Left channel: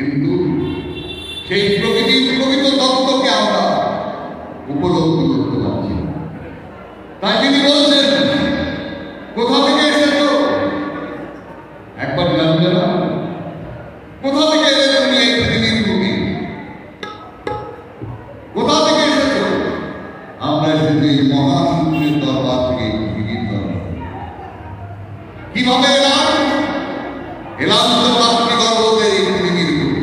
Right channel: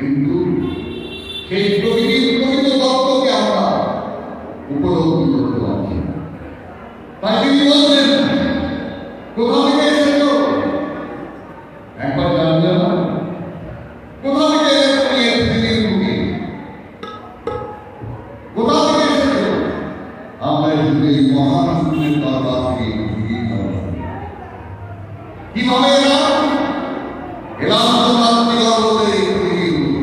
কিন্তু সেই প্রকৃতির প্রকৃত তত্ত্বকে আমরা উপলব্ধি করতে পারছি। তাই তিনি বলছেন, কোথা থেকে এসেছো একবার জানবে না? কোথা থেকে এলে তুমি এই পৃথিবীর বুকে? কোথা থেকে এসেছো? আমরা এসেছি এই মহাশূন্যের দরবার থেকে পৃথিবীর দরবার। কিভাবে এলাম? এলাম তো মাতৃগর্ভতে এই পৃথিবীর বুকে।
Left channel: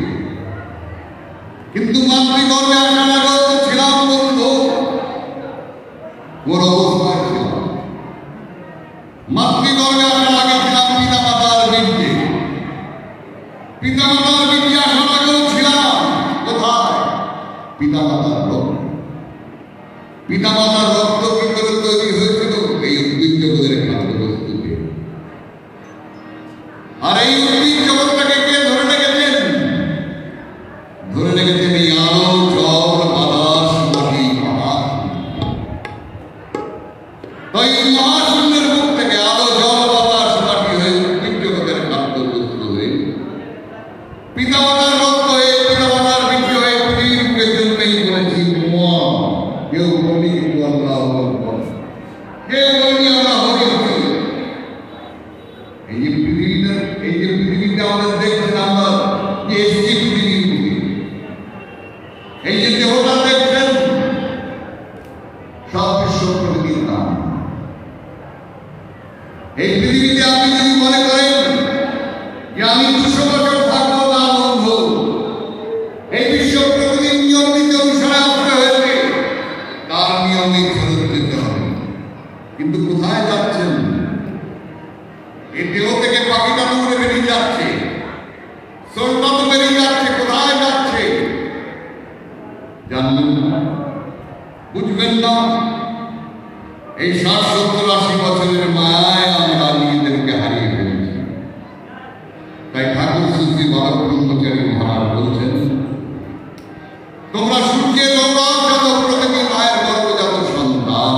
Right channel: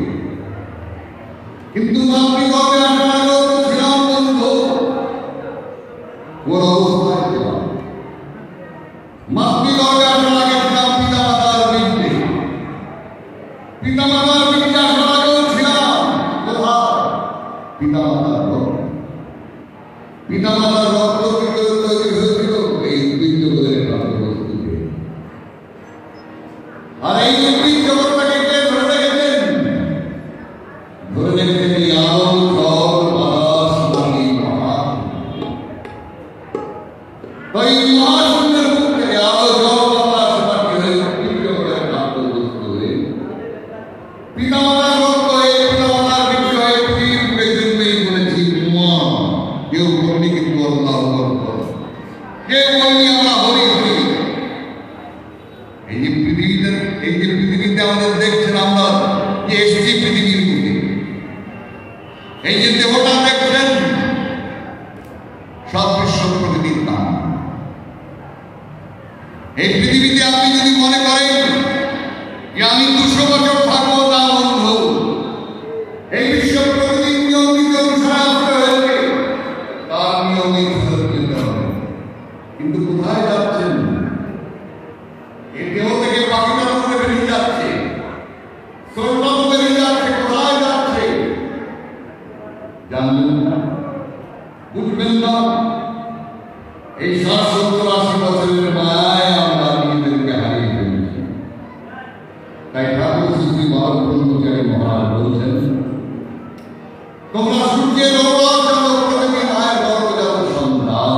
কিন্তু মাতৃগর্ভে আসার আগেও তো ছিলাম বন্ধু, ওর অবস্থায় ছিলাম। মাতৃগর্ভে আসার আগে ছিলাম পিতামাতার বীর্যে। পিতামাতার বীর্যে আসার আগেও ছিলাম কোথায়? পিতামাতার রক্ত। পিতামাতার রক্ত কি করে তৈরি হয়েছিল? এই উদ্ভিদ জগতের খাদ্যবস্তু দিয়ে। আর এই উদ্ভিদ জগৎটাকে কে ধরে রেখেছেন? ধরে রেখেছেন এই আলো, জল, বাতাস, মাটি, মহাশূন্য। তো এই মহাশূন্যের মুখ থেকে আলো, জল, বাতাস, মাটি হয়ে উদ্ভিদ জগতের খাদ্যবস্তু হয়ে পিতামাতার রক্ত হয়ে পিতামাতার বীর্য হয়ে পৃথিবীর জন্যই বলেছি মা। কেউ বলনি কিন্তু আল্লাহ আকবার, কেউ বলনি আমরা হরি হরি। এই যে পৃথিবীতে আমাদের দেখছেন আমরা যে এসেছি পৃথিবীর বুকে, এই যে দেহটা দেখছেন সব বিশ্ব প্রকৃতির নাম। এই পৃথিবীতে আপনি যদি মনে করেন যে আমি 200 বছর থাকবো, না বন্ধু, এই বিশ্ব প্রকৃতির নিয়ম নীতি অনুসারে আসতে হয়েছে, তার নিয়মে ফেরত যেতে হবে। কিন্তু কোথায় যাচ্ছেন? এই দেহ থেকে পাখিটা দূরে বেরিয়ে যাচ্ছে, সোলটা তো বেরিয়ে যাচ্ছে। কোথায় যাচ্ছে জানবেন না, বুঝবেন না। এই 60-70-80 বছরের মায়ায় আমরা নিজেদেরকে হারিয়ে ফেলেছি। তাই ঠাকুর শ্রী বালক ব্রহ্মচারী মহারাজ বলছেন, তোমরা সূর্যের ওপর যত প্রকৃতি মায়ের গর্ভজাত সন্তান।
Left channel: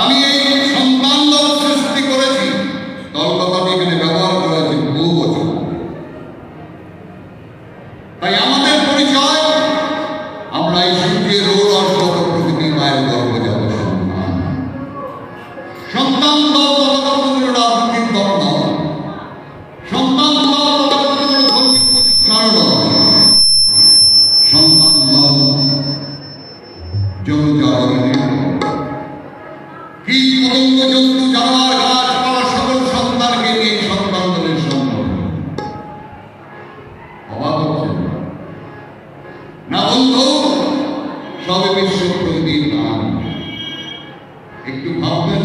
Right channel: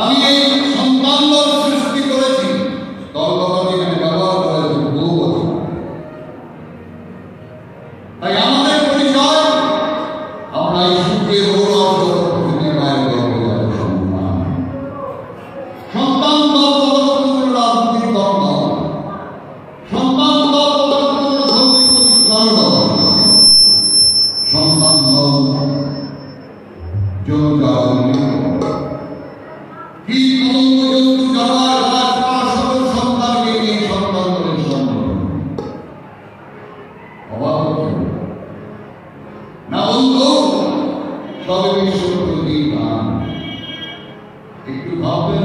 আমি এই সন্তান সৃষ্টি করেছি। তলকথাটি এখানে ব্যবহার করা হয়েছে বহু বছর। তাই আমাদের পরিচয়, আমরা এই সূর্যের ওপর যত প্রকৃতি মায়ের গর্ভজাত সন্তান। সন্তান দল ততক্ষণ রাজনীতির দল নয়, সন্তান দল ততক্ষণ ধর্মীয় প্রতিক্রিয়া নয়, সন্তান দল জনজাগরণের কি কলঙ্ক জন্তু জানোয়ার গাছপালা সকল সন্তানকে নিয়ে সন্তান দলের সংগঠন। অবাক হচ্ছে না বন্ধু? সবে বিশ্ব প্রকৃতির নাম। একটু ভাববেন।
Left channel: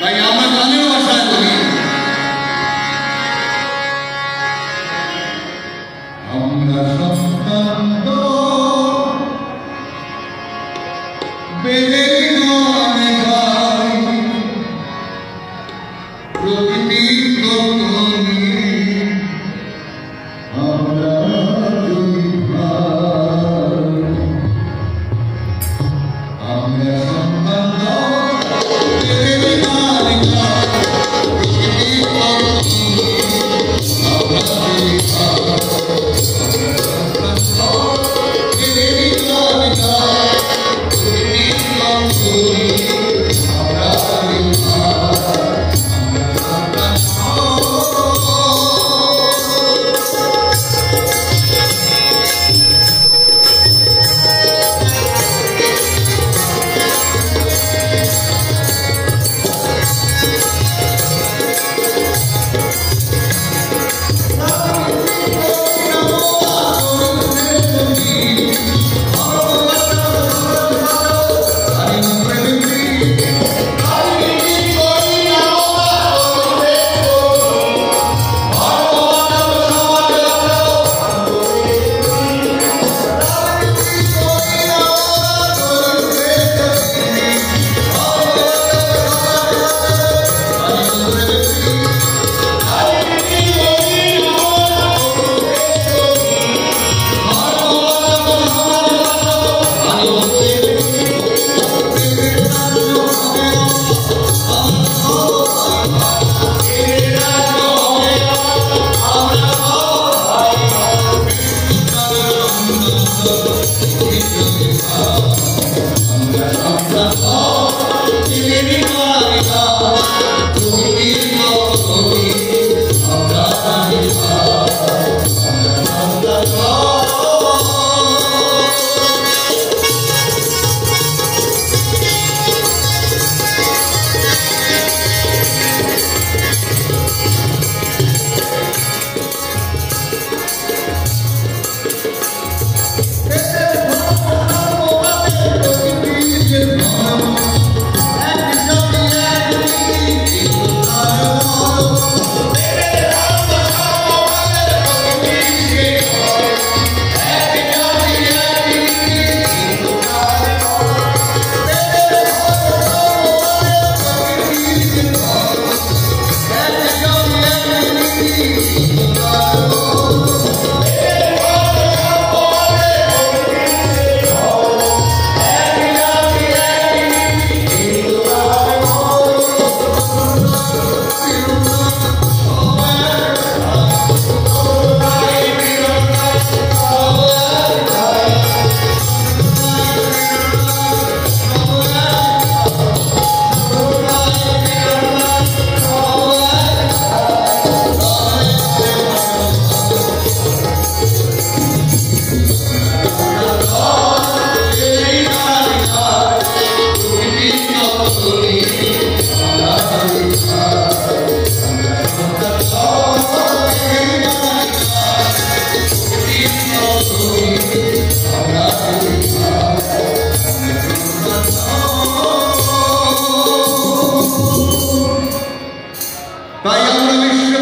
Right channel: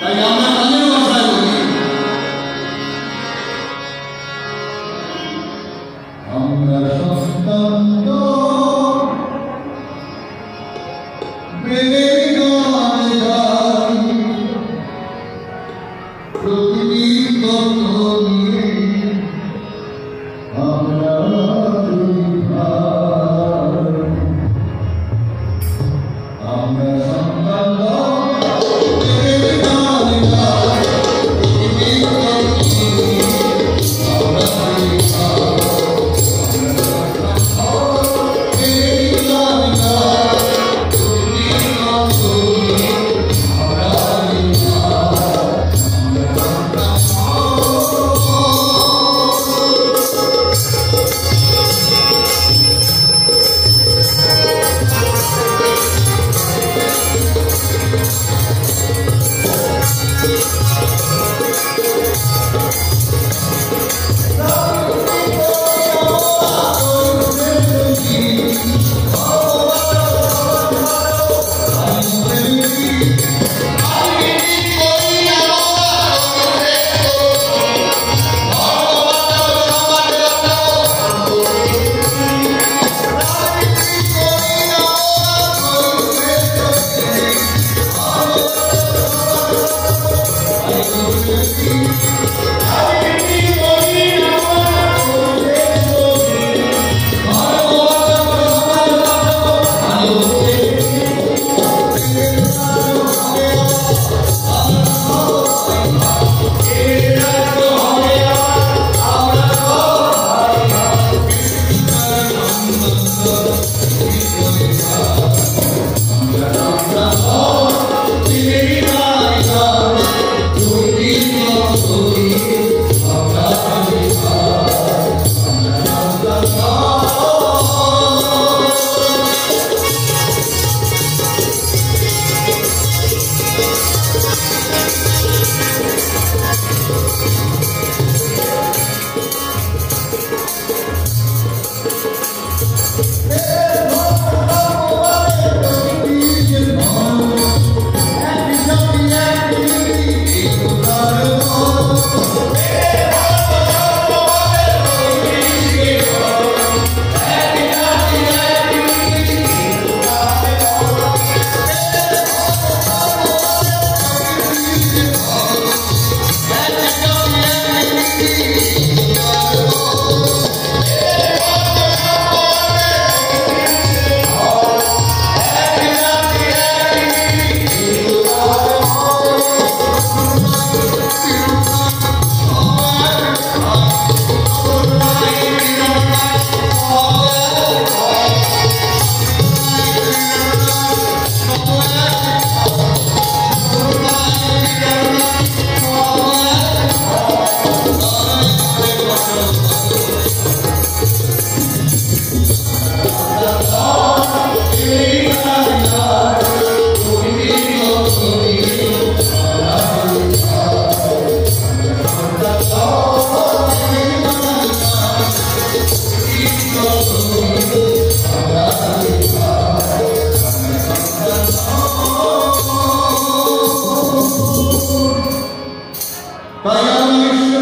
তাই আমরা গানের ভাষায় বলি, আমরা সন্তান দল বেদে গানে গাই, প্রকৃতির তত্ত্ব নিয়ে আমরা দুই ভাই। আমরা সন্তান দল বেদে গানে গাই, প্রকৃতির তত্ত্ব নিয়ে আমরা দুই ভাই। Oh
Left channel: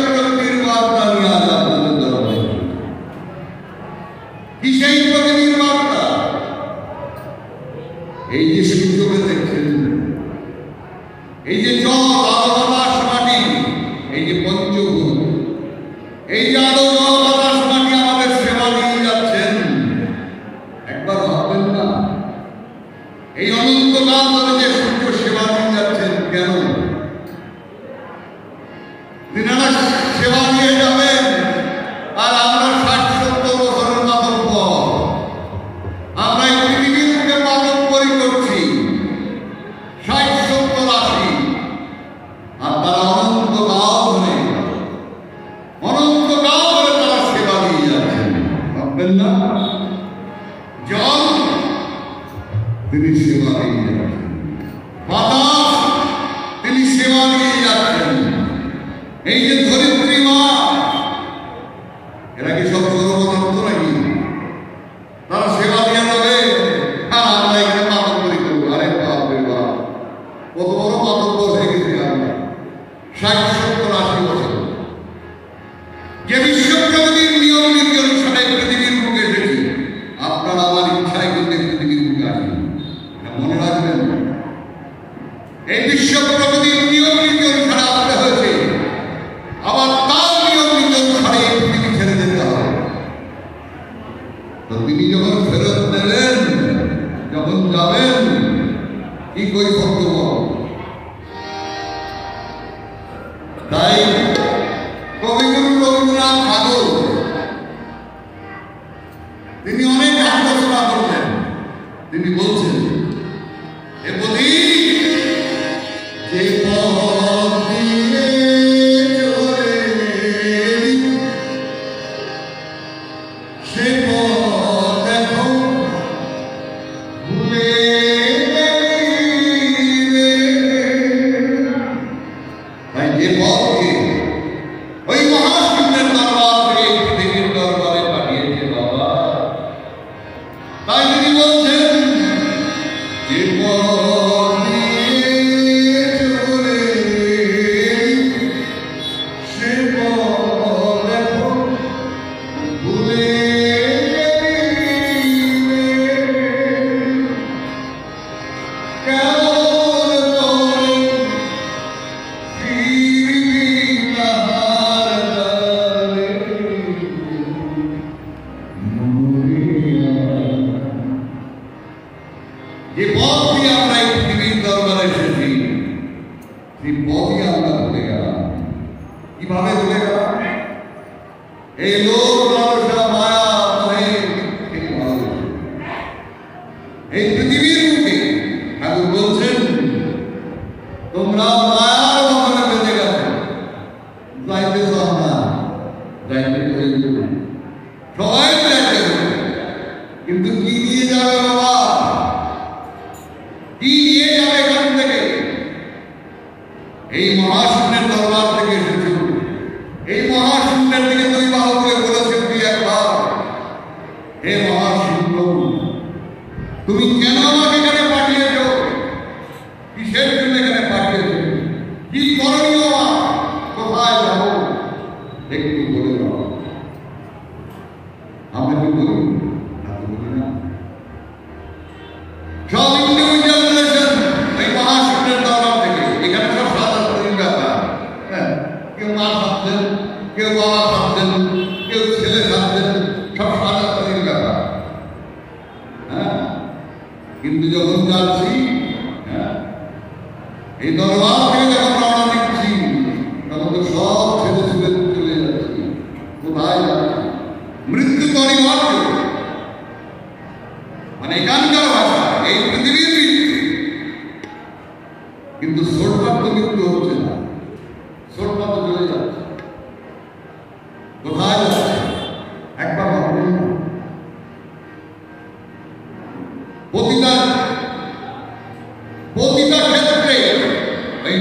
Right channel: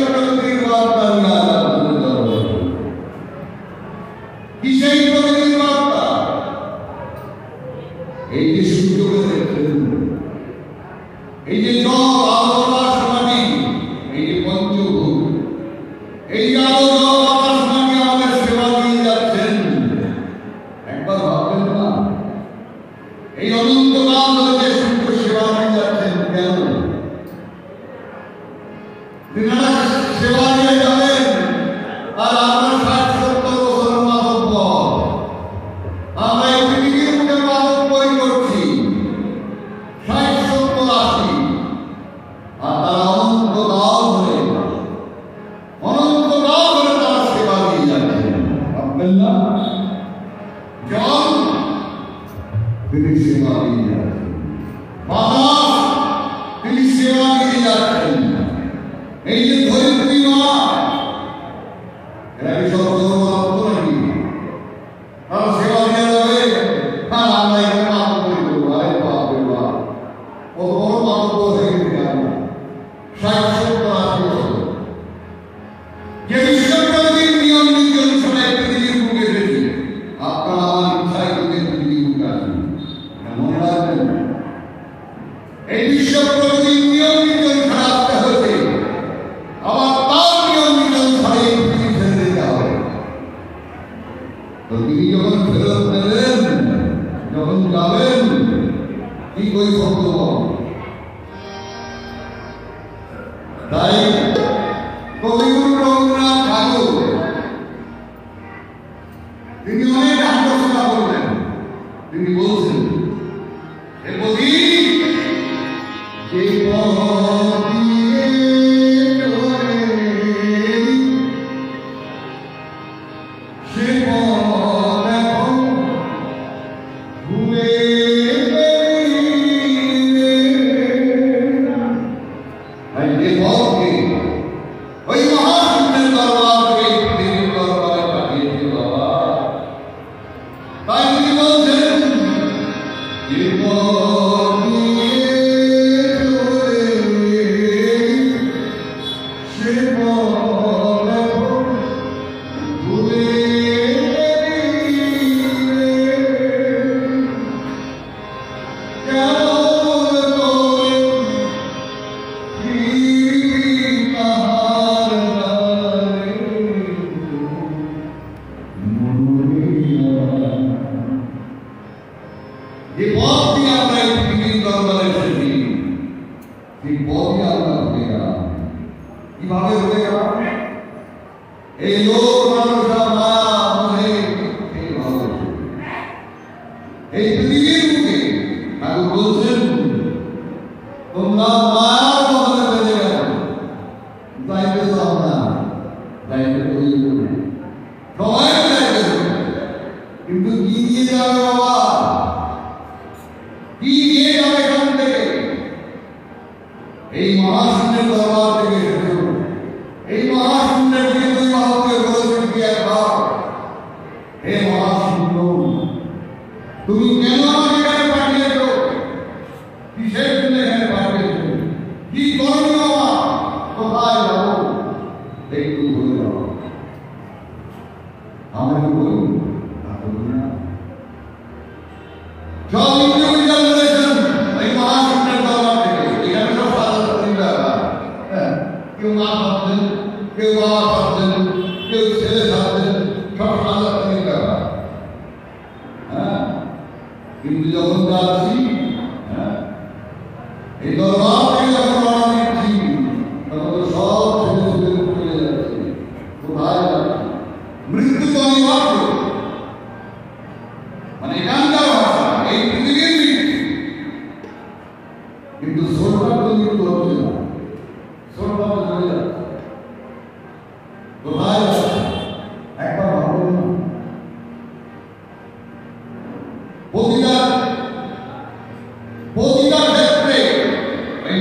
প্রকৃতির বার্তা নিয়ে আজ আপনাদের দরবারে। কি সেই প্রকৃতির বার্তা? এই যে সূর্যকে দেখছেন, এই যে জল, আলো, বাতাস, মাটি, এই যে পঞ্চভূত, এই যে আলো, জল, বাতাস, মাটি আমাদের সেবা দিয়ে যাচ্ছেন, একবার ভাববেন না এই অনন্তকাল ধরে যে সূর্য সেবা দিয়ে যাচ্ছেন কেন? তিনারা সেবা দিয়ে যাবেন আর আমরা ৬০-৭০ বছরের মাথার পর আমরা এই পৃথিবীর মুখে পাদপ্রী করছি ৬০-৭০-৮০, আর তারা অনন্তকাল ধরে তারা সেবা দিয়ে যাচ্ছেন। ভাববেন না? জল তিনি সেবা দিয়ে যাচ্ছেন, বাতাস তিনি সেবা দিয়ে যাচ্ছেন, এই যে ধরিত্রী মা, এরা কি সব সর্বদত্ত নাকি? তারা সেবা দিয়ে যাবে, হ্যাঁ আমরা এখানে পাদপ্রী করবো। আরে বাপরে বাপ, কত বড় পাদপ্য হয়ে গেছি আমরা ৬০-৭০-৮০ বছর। যে বিশ্বপ্রকৃতির নিয়ম নীতি অনুসারে পৃথিবীর বুকে এসেছি, আপনার আমার ইচ্ছায় কিন্তু পৃথিবীর বুকে আসেন। মনে রাখবেন, এই বিশ্ব প্রকৃতির নিয়ম নীতি অনুসারে আসতে হয়েছে, আবার তার নিয়ম নীতি অনুসারে এই পৃথিবী ছেড়ে যেতে হবে। তো তিনি যখন ফেরত নেবেন, যখন যাবেন, কি কৈফিয়ত দেব? তাই কবিগুরু রবীন্দ্রনাথ ঠাকুর তিনি অনেক আলোচনা করলেন। তিনি বলছেন, হে প্রদীপ, যে পথ দিয়ে চলে সে পথ এখন ভুলে গেলি রে। তাই যে পথকে ওই মহাশূন্যের দরবার থেকে এই পৃথিবীর দরবারে পাঠিয়েছে বাবা। তাই তিনি বলছেন, যে পথ দিয়ে চলে সে পথ এখন ভুলে গেলি রে। কেমন করে ফিরবি তাহার দ্বারে মরিয়া। যে পথ দিয়ে আমরা এই পৃথিবীর দরবারে এসেছি, সেই পথই আমরা ভুলে গেলাম। কিভাবে ভুলে গেলাম? এই লোক মানুষরা মায়া মোহে মিথ্যে ভালোবেসে এই পৃথিবীর মুখে ঠাকুর বলছেন, তোমরা মায়ার বাঁধনে বেঁধে গেছো, যাইতেছ আমরা, যাইতে হইল, সবাই যাইতে হইল, কিন্তু কি নিয়ে যাবে বাবা? কি নিয়ে যাবে এখান থেকে? এই মহাশূন্যের দরবার থেকে এসেছো, এই মহাশূন্যের দিকে দুই বাহু করে বলেছেন কি একবার, হে মহাশূন্য, তুমি কেন আমাকে এখানে পাঠিয়েছো? কিসের জন্য এখানে পাঠিয়েছো? কি করণীয় আমার? কোথায় যাবো? একটু বলে দাও। আমরা কি বলি? বলি না। সব ইন্ডিভিজুয়াল রিলেশন এই মহাশূন্যের দরবার থেকে, এখানে সব সাধারণ ব্যাপার। কেউ মা ভাবছেন, কেউ বাবা ভাবছেন, কেউ ছেলে ভাবছেন, সব সাধারণ ব্যাপার। হ্যাঁ, কিন্তু যখন যাচ্ছি, হ্যাঁ, এই দরবার থেকে যখন রওনা দিচ্ছি, তখন তো সব ছেলে ছেলে চলে যাচ্ছি। কোথায় যাচ্ছি? মৃত্যু অনিবার্য, মানে এখানকার ভাষা এই পৃথিবীর মৃত্যু। কিন্তু সোরটার তো মৃত্যু হচ্ছে না, সোরটা তো চলে যাচ্ছে। কোথায় যাচ্ছে? একবার ভাববেন না? প্রতিটা ক্ষেত্রে ওই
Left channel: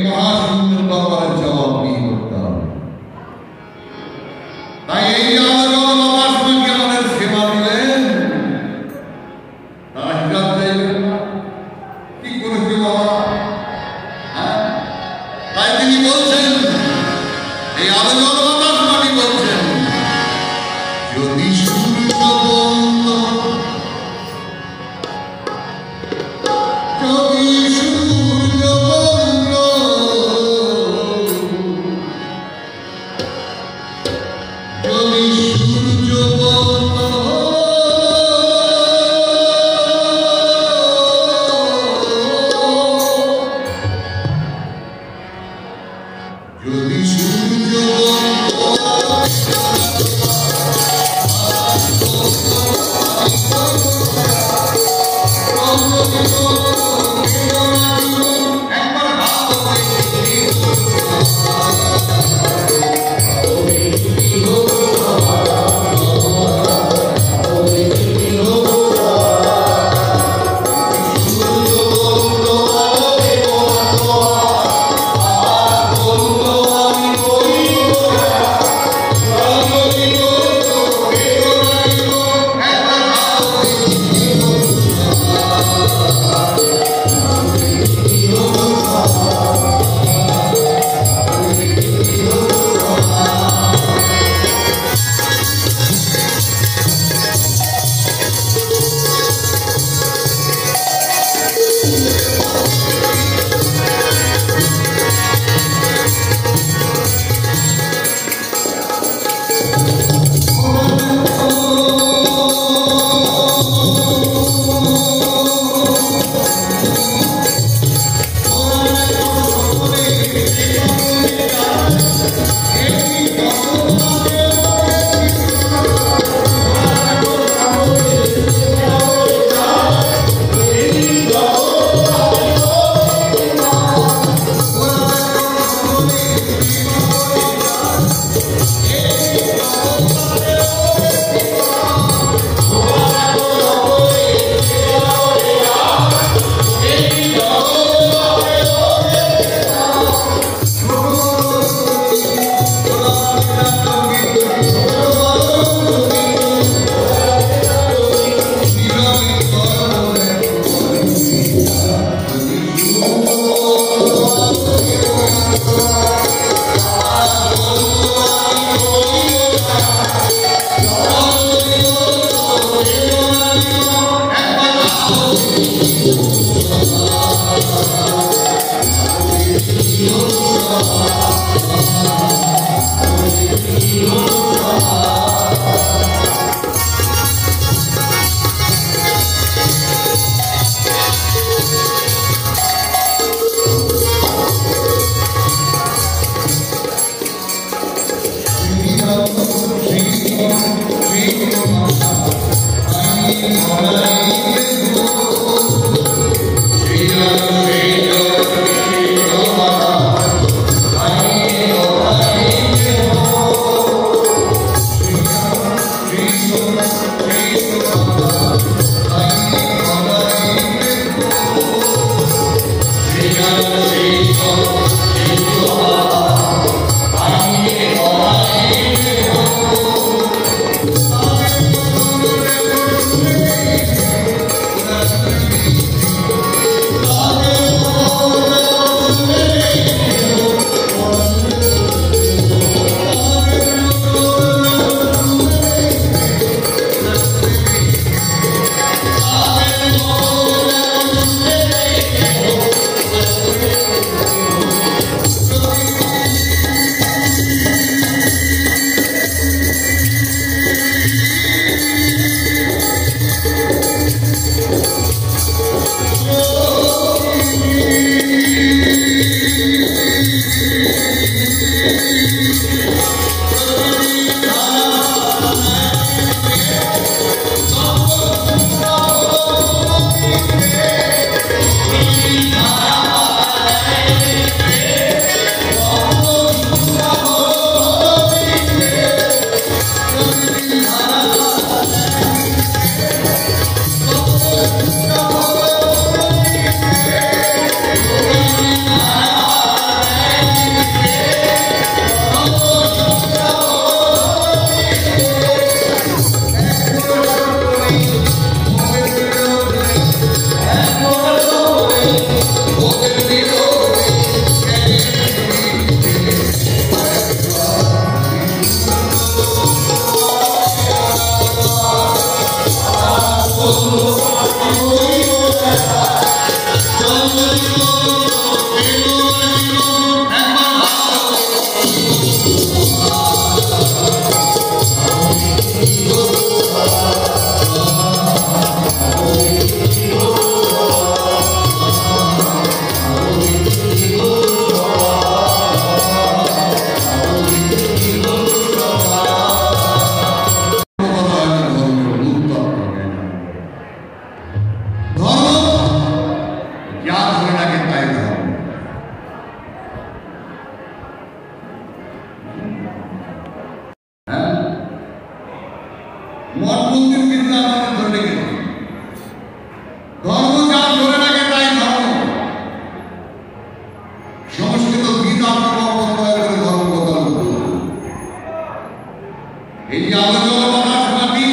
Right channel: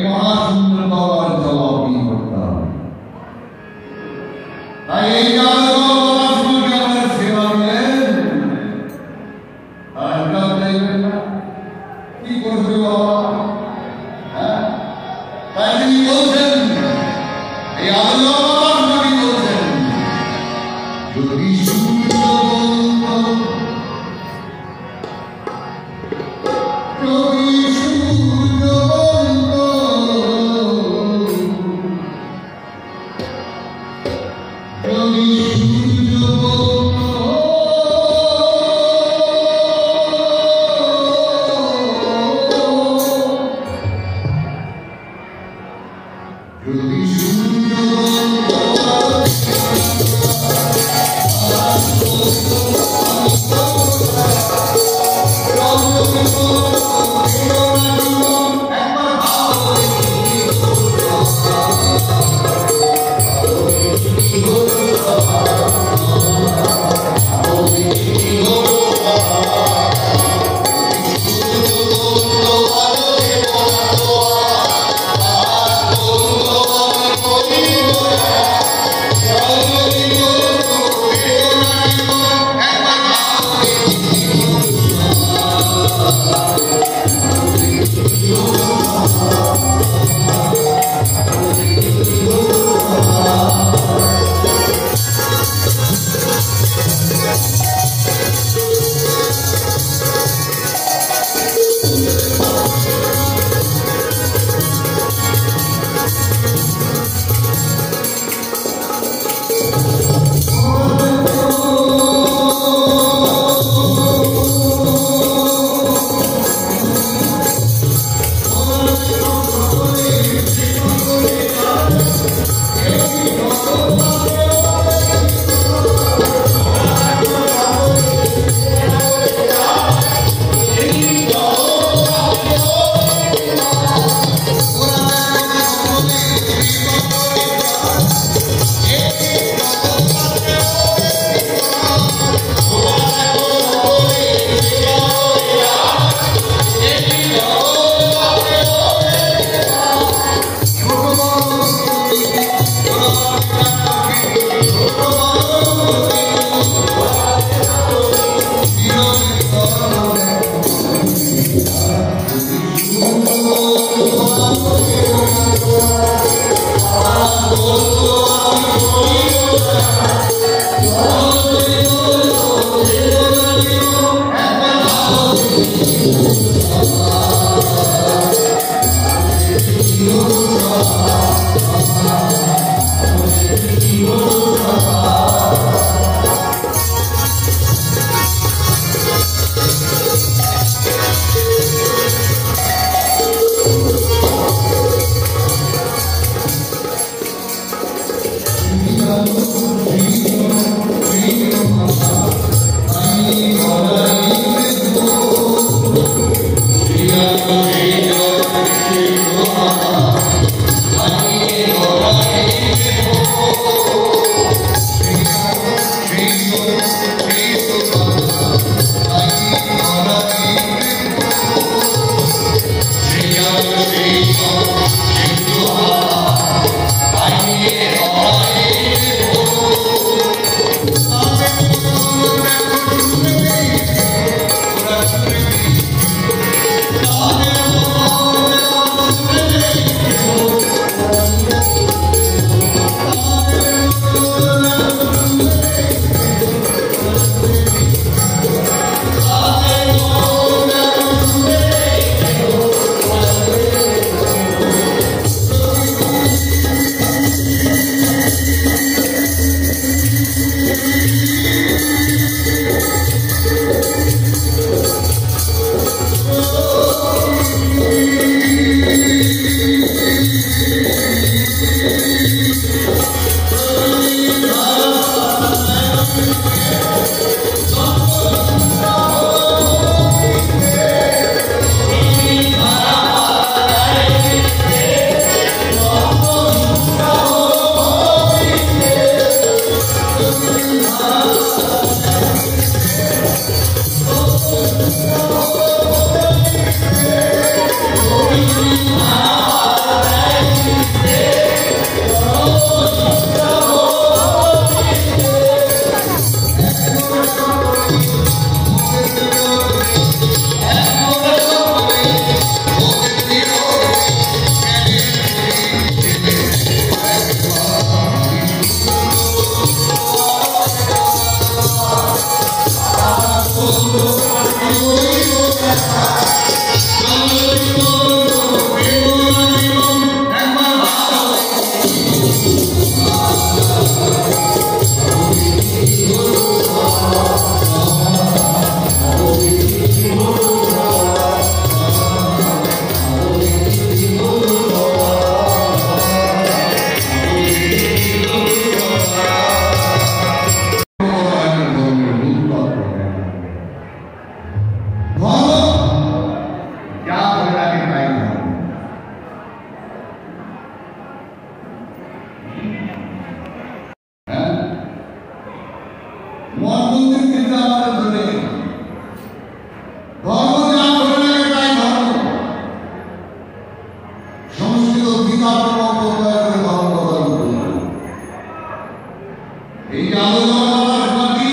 এই যে আন্দোলন মাটি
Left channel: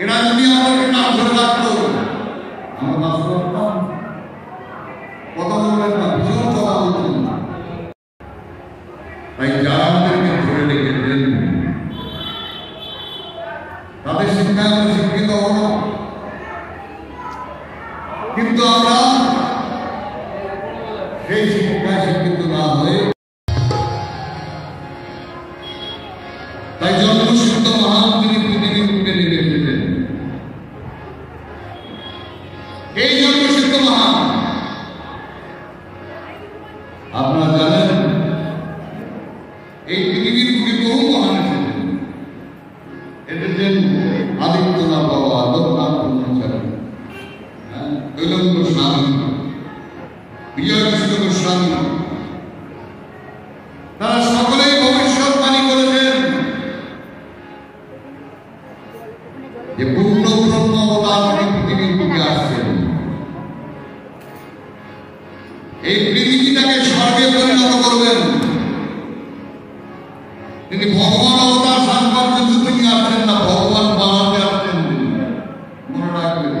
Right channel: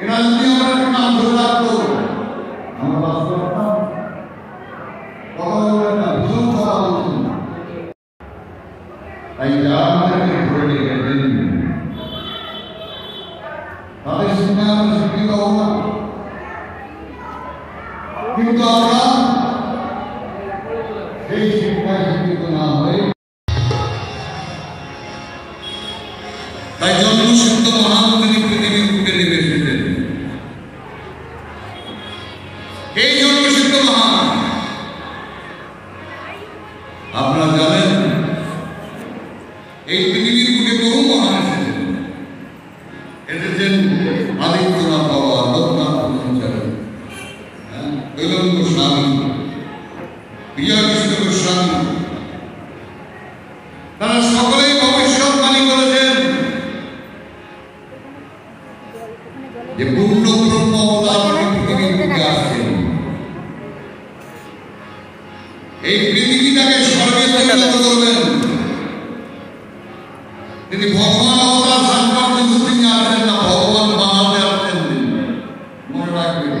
এরা যদি আমাদের নাম ধরে রাখতো আমরা বাঁচতে পারতাম। কথা বলবেন না, ভীষণ কথা বলছেন না। তাই যারা আমাদেরকে ধরে রেখেছেন তাদের শিক্ষায় আমরা শিক্ষিত হব না, কিন্তু আমরা সেই শিক্ষায় শিক্ষিত না হয়ে তাই জন্মসিদ্ধ মহান তিনি পৃথিবীর বুকে নেমে এসেছেন। এই জন্মসিদ্ধ মহান আপনারা জানেন এই পৃথিবীর বুকে বহু মহান এসেছেন। আদিত্যনাথ বাবা, লোকনাথ ব্রহ্মচারী, কৈলাস গোস্বামী, বিজয়কৃষ্ণ গোস্বামী, তারা সকলেই ভবিষ্যৎবাণী করেছেন যে পূর্ণ ব্রহ্ম অবতার পৃথিবীর বুকে আসছেন। এই পৃথিবীটাকে স্বর্গে পরিণত করবেন। তিনি ভগবান অবতার সংকট কিন্তু তিনি আসেন না, ভগবান বানাতে আসছেন। মনে রাখবেন।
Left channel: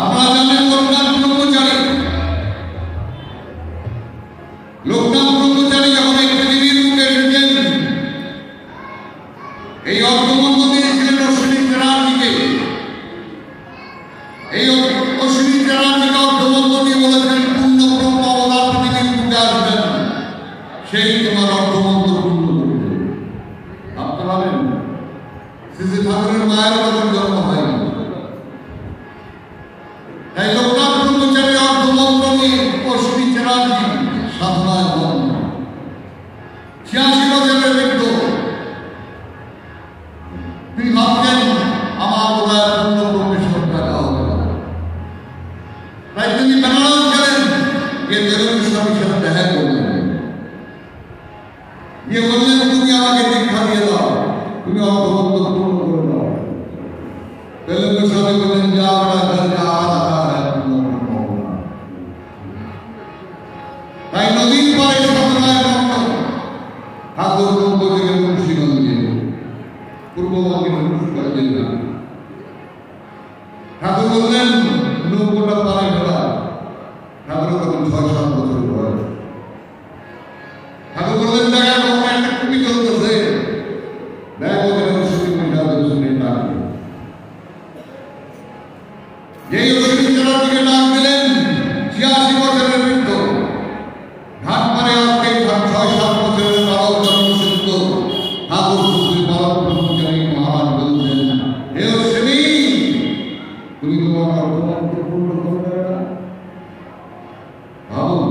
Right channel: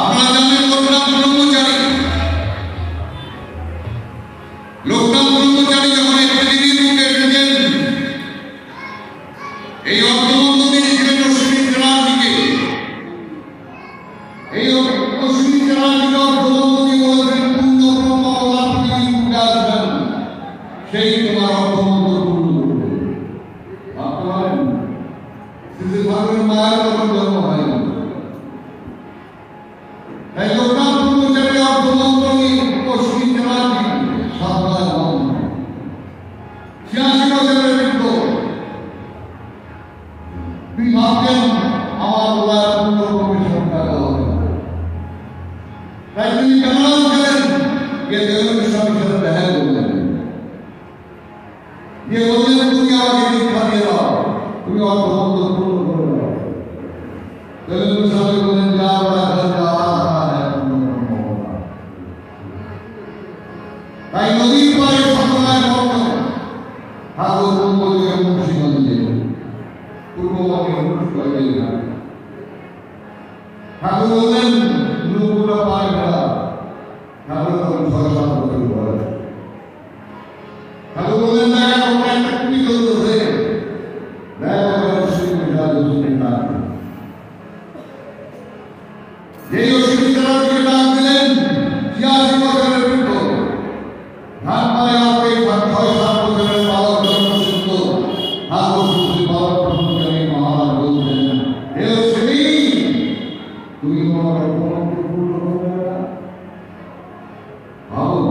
আপনারা জানেন লোকনাথ ব্রহ্মচারী, লোকনাথ ব্রহ্মচারী যখন এই পৃথিবীর বুকে এসেছেন, এই অর্থমন্ত্র দিয়েছিলেন অশ্বিনী চেরাজিকে। এই অশ্বিনী চেরাজিকে অর্থমন্ত্র দিয়ে বলেছেন পূর্ণ ব্রহ্ম অবতার পৃথিবীর বুকে আসবেন, সেই তোমার অর্থমন্ত্র পূর্ণ করবে। আপনারা জানেন শ্রী ঠাকুরের মায়ের তখন জন্ম হয়নি, তাই লোকনাথ ব্রহ্মচারী অর্থমন্ত্র নিয়ে অশ্বিনী চেরাজি সাধনায় মগ্ন। 86 বছরের বৃদ্ধ, তিনি ভাবতেন আমার বোধহয় পূর্ণ প্রবেশন টাকা হবে না। তাই তিনি বেনারস গেলেন, গিয়ে বেলুন স্বামীর সাথে দেখা করলেন, গিয়ে বললেন তুমি আমাকে দীক্ষা দিয়ে দাও, তুমি অর্থমন্ত্র পূর্ণ করে দাও। বেলুন স্বামী বললেন যা বলা ঘরে যা তাই নদীর পাড়ে সন্ধ্যায় মগ্ন ঠাকুর ব্রহ্মদেব মুন্সিগঞ্জে পূর্ববঙ্গে মুন্সিগঞ্জে ঠাকুর বললেন নৌকোটা পানি ফেলা। ঠাকুর তখন 6-7 বছর বয়স। ঠাকুর বললেন দেখা কখন একটা কুপি চলতেছে, দেখা বলে অশ্বিনী মহিলা শুনে ডাকবে। যেই অশ্বিনী তারা দিকে ডাক দিলেন, 86 বছরের বৃদ্ধ, ধান মানে আসতে 6-7 বছরের তাও জন্মসিদ্ধ ঠাকুর শ্রী বালক ব্রহ্মচারী মহারাজ বলছেন, হে অশ্বিনী তুমি তোমার অর্থমন্ত্র পূর্ণ করবে না। ভাবুন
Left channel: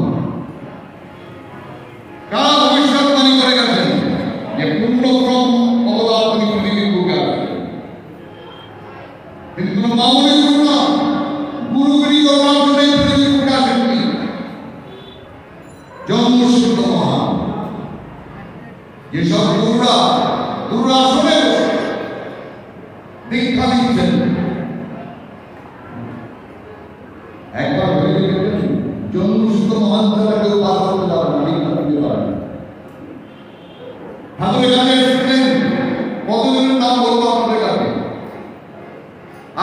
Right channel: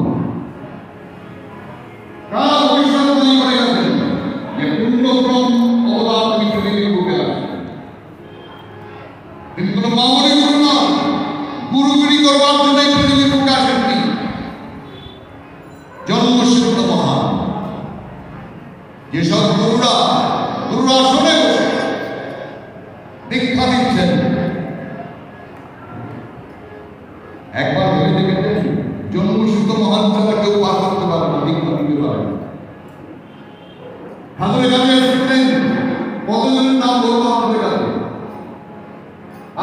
কার ভবিষ্যৎবাণী করে গেছেন যে পূর্ণ ব্রহ্ম অবতার তিনি পৃথিবীর বুকে আসছেন। তিনি কোনো মামুলি গুরু নন, গুরুগিরি করবার জন্য পৃথিবীর বুকে আসেননি। জন্মসিদ্ধ মহান। যেসব গুরুরা আসলে দীক্ষা দিচ্ছেন, একবার ভেবে দেখেছেন জন্মসিদ্ধ মহান ছাড়া কেউ পার করতে পারে না, দীক্ষা দিতে পারে। ঠাকুরের কাছে এসেছিলেন, কতজনের নাম বলবো আপনাদের কাছে।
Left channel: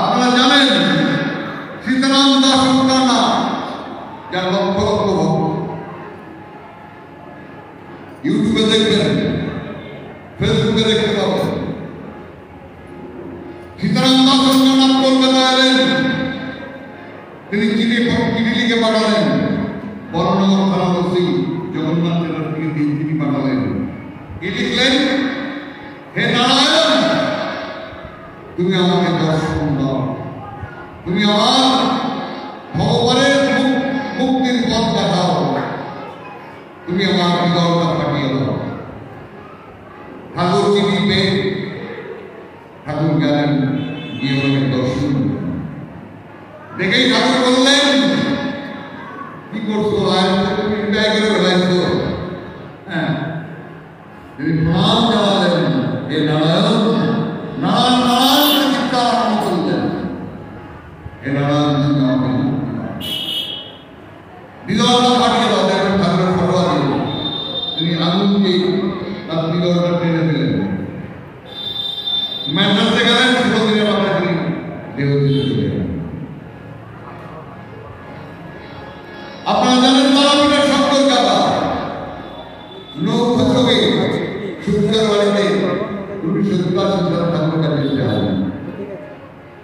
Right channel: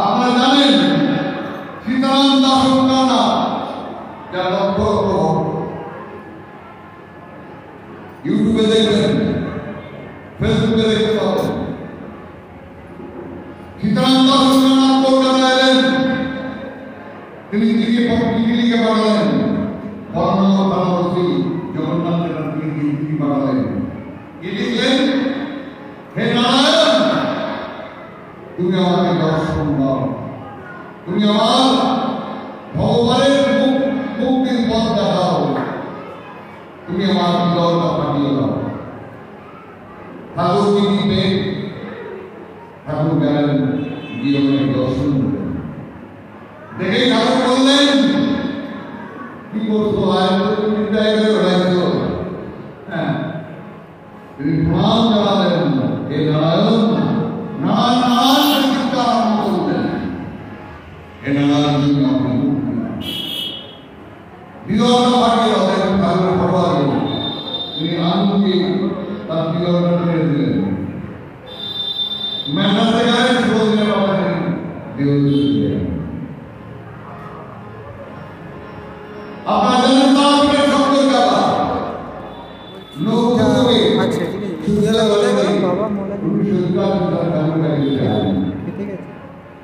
আপনারা জানেন সীতারাম দাস না, যার লক্ষ লক্ষ ভক্ত। ইউটিউবে দেখবেন, ফেসবুকে দেখতে পাবেন। সীতারাম দাস কলকাতায় এলেন, তিনি চিঠি লিখে পাঠালেন বর্ণনগর থানাবাসী জগন্নাথ চ্যাটার্জিকে চিঠি পাঠালেন। কি লিখলেন? হে নারায়ণ, তুমি আমাকে দর্শন দাও, তুমি আমার ভগবানের মুক্তির পথ দেখাও, তুমি আমার হৃদয়টা পাঠিয়ে দাও। ঠাকুর চিঠি পেয়ে ঠাকুর গেলেন, গিয়ে ওনাকে দর্শন দিলেন। দেখেই ঠাকুর বললেন কি করছো তুমি বিদায় করে বেড়াইছো। হ্যাঁ, তিনি প্রণাম জানালেন, হে নারায়ণ। নারায়ণ নারায়ণ চিন্তা আরম্ভ করলেন, হে নারায়ণ তুমি আমাকে মুক্তি দাও, হৃদয়টা পাঠিয়ে দাও। দেখবেন ঠাকুরের ফটোয়া তিনি আগুনকে আপনি অর্ডার টেনে দিলেন মেন্টাসে গেলেন 16 দিনের মাথা তিনি দেহ চলে গেলেন। আপনারা জানেন তারাপীঠের শব্দ কথা নৌকা থেকে সুন্দর বাড়িতে 1982 সালে ঠাকুর কাছে যান।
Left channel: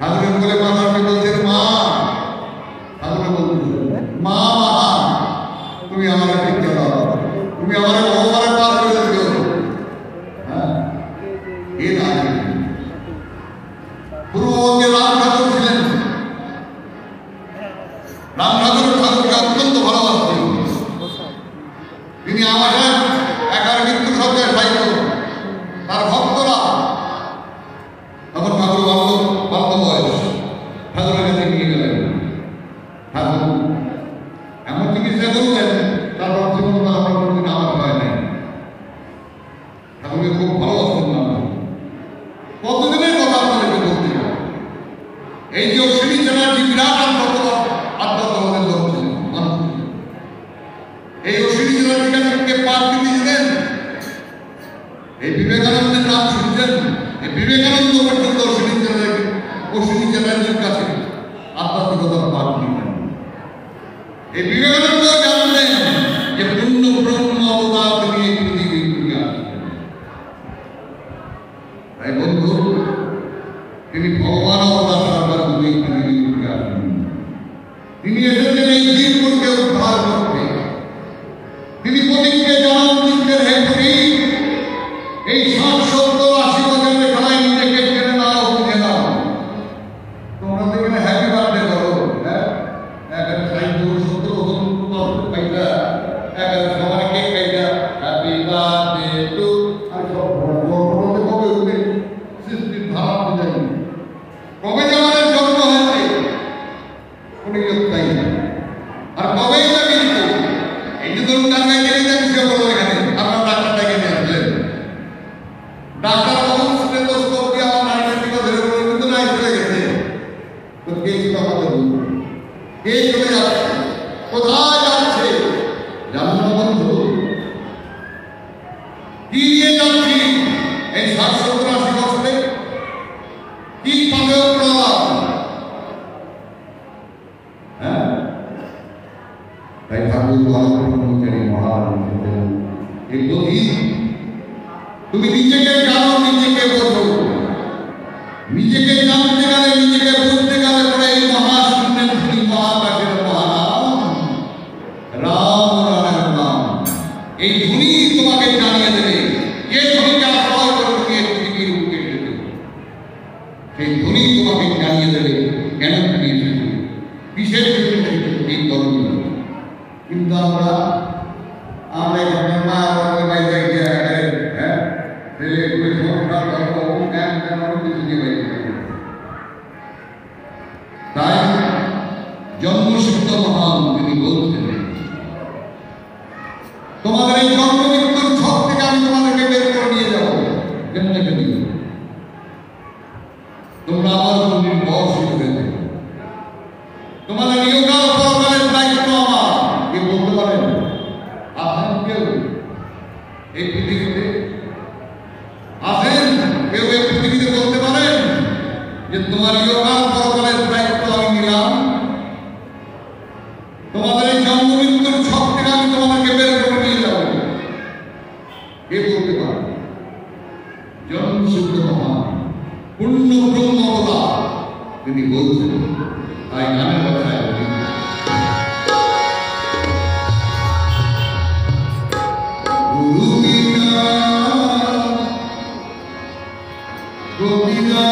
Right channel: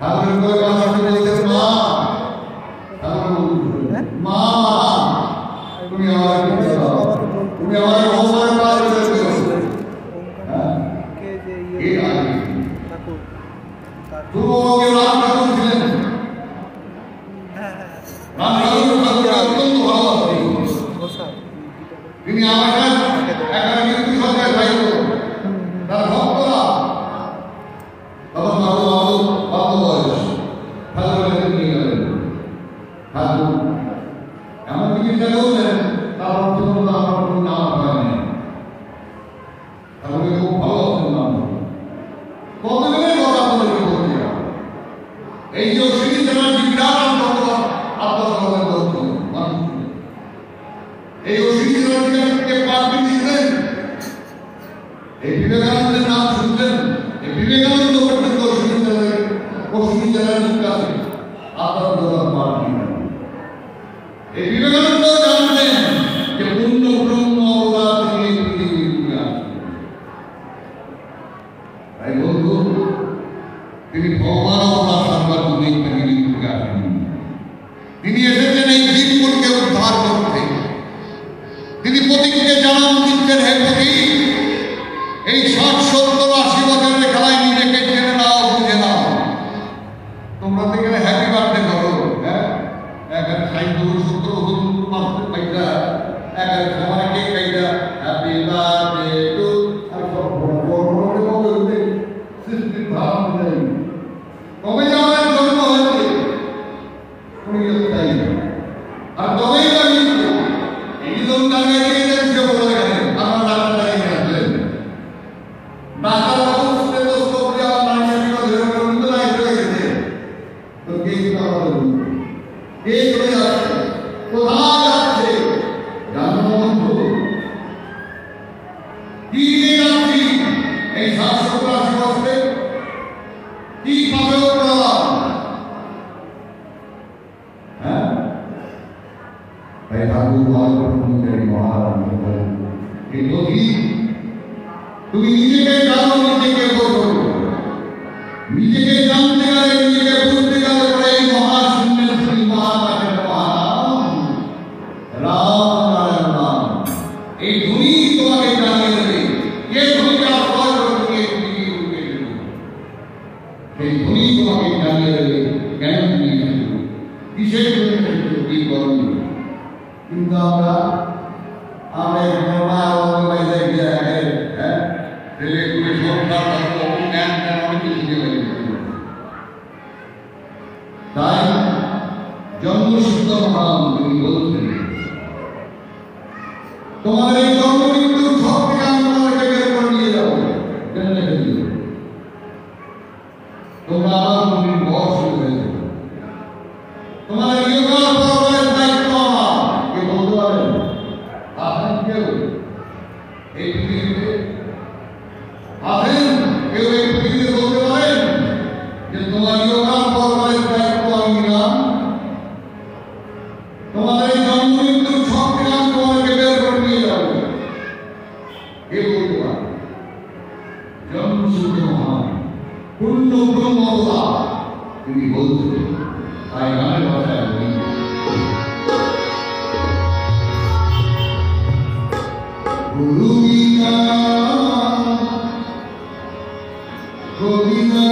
ঠাকুরের করে বাবাকে বলছেন মা, ঠাকুর বলছেন মা মা তুমি আমার ভিক্ষা দাও, তুমি আমার সংসারে পার করে দিও। হ্যাঁ এই রাজ পূর্ববঙ্গে রাম ঠাকুর ছিলেন। রাম ঠাকুর ঠাকুরকে অত্যন্ত ভালোবাসতেন। তিনি আমার একার মৃত্যু সত্ত্বেও সাহিত্য তার ভক্তরা তখন ঠাকুর বাল্য বয়স ঠাকুরের কাছে নিয়ে গেলেন। ঠাকুর এমন চিকিৎসা করলেন তার অর্থ আমার কোনদিন আমার হয় নাই। ঠাকুরকে খুব ভালোবাসতেন না। কতদিনের কথা আপনাদেরকে বলতে হবে। এই যে অশ্বিনী চ্যানার্জি বিরাট আত্মকর্মের লোক ছিলেন, মানুষ ছিলেন। এই অশ্বিনী চ্যানার্জিকে পাঠ দিয়েছিলেন। এই বিবেকানন্দের নাম শুনছেন। এই বিবেকানন্দ পর্যন্ত অশ্বিনী চ্যানার্জির কাছে আধ্যাত্মিকতার পাঠ দিলেন। এই বিবেকানন্দ জানতেন যে পূর্ণ ব্রহ্ম অবতার তিনি এই পৃথিবীর দিকে আসছেন। তাই বন্ধু তিনি ভগবান অবতার সর্বাত্মক এই পৃথিবীর দিকে আসেন। তিনি এসেছেন এই জীবনকে উদ্ধার করতে। তিনি প্রতীককে জানান দিচ্ছেন হে প্রতীক এই 60-70-80 বছরের খেলায় নিজেকে ফেলে দাও, বুঝে দাও। তোমরা এখানে হ্যাপি বার্থডে করো, হ্যাঁ এখানে 60-70 বছর মাত্র পাইটা এখানে সবাইকে পাইটা হ্যাপি বার্থডে টু আর সব বড় কবে হইবে সৃষ্টির ধারা অনুযায়ী কবে আমাদের জন্ম হয়েছে উনি তাই আর কবেই না কিন্তু এই যে ধরুন টাকা গেলে যে বিষয় বলো এখানে আপনার ডাক্তারটাকে নিয়ে আসলেন। ডাক্তার বাবু স্টেথোস্কোপ দিয়ে আমার নার্সিংটা ধরে করে কিন্তু নাই চলে গেছে। তো কে সেটা আমাদের বলুন, কে চলে যাচ্ছে, কোথায় যাচ্ছে জানো না বন্ধু? কি নিয়ে যাচ্ছি এই 60-70-80 বছরে? কি পাবে ওরা? হ্যাঁ তাই ঠাকুর ভালো করে মহারাজ এই প্রতীক তুমি নিজেকে জানো, নিজেকে বোঝো। নিজেকে জানতে গেলে, নিজেকে বুঝতে গেলে পরে এই মহাশূন্যের ধনী মহাকাশের মহানাম রাম নারায়ণ নাম এই ধনী তোমাকে জানিয়ে দেবে। কে ধনীকে আশ্রয় করে তুমি এই পৃথিবীর বুকে এসেছো, সেই ধনী তোমাকে জানিয়ে দেবে কেন তুমি এসেছো, কিসের জন্য এসেছো, কি করণীয়। কিন্তু আমরা এখানে না আমাদের বাইরে গিয়ে হ্যাঁ ছেলে পুলিশ সরকার জ্ঞান অনেক কিছু দিয়ে তাই জন্মসূত্র মহান তিনি বলছেন তোমাদের এই জন্ম মৃত্যুর ছক থেকে আমি তোমাদেরকে বের করে নিয়ে যাবো। কেন রেখে দিও? তোমরা আমার মন্দির বয়স হয়েছে, তোমাদের ইহকাল পরকালের দায়িত্ব আমার। কে বলতে পারেন? আছেন কেউ এই পৃথিবীতে? আছেন কেউ এই পৃথিবীতে বলতে পারেন যে তোমার ইহকাল পরকালের দায়িত্ব আমি নিলাম? তোমাদের এই জন্ম মৃত্যুর ছক থেকে আমি তোমাদেরকে বের করে নিয়ে যাব। কে বলতে পারে? জন্মসূত্র মহান পূর্ণ ব্রহ্ম অবতার তিনি বলছেন। তাই গানের ভাষায় বলি গুরু বিনা গোবিনা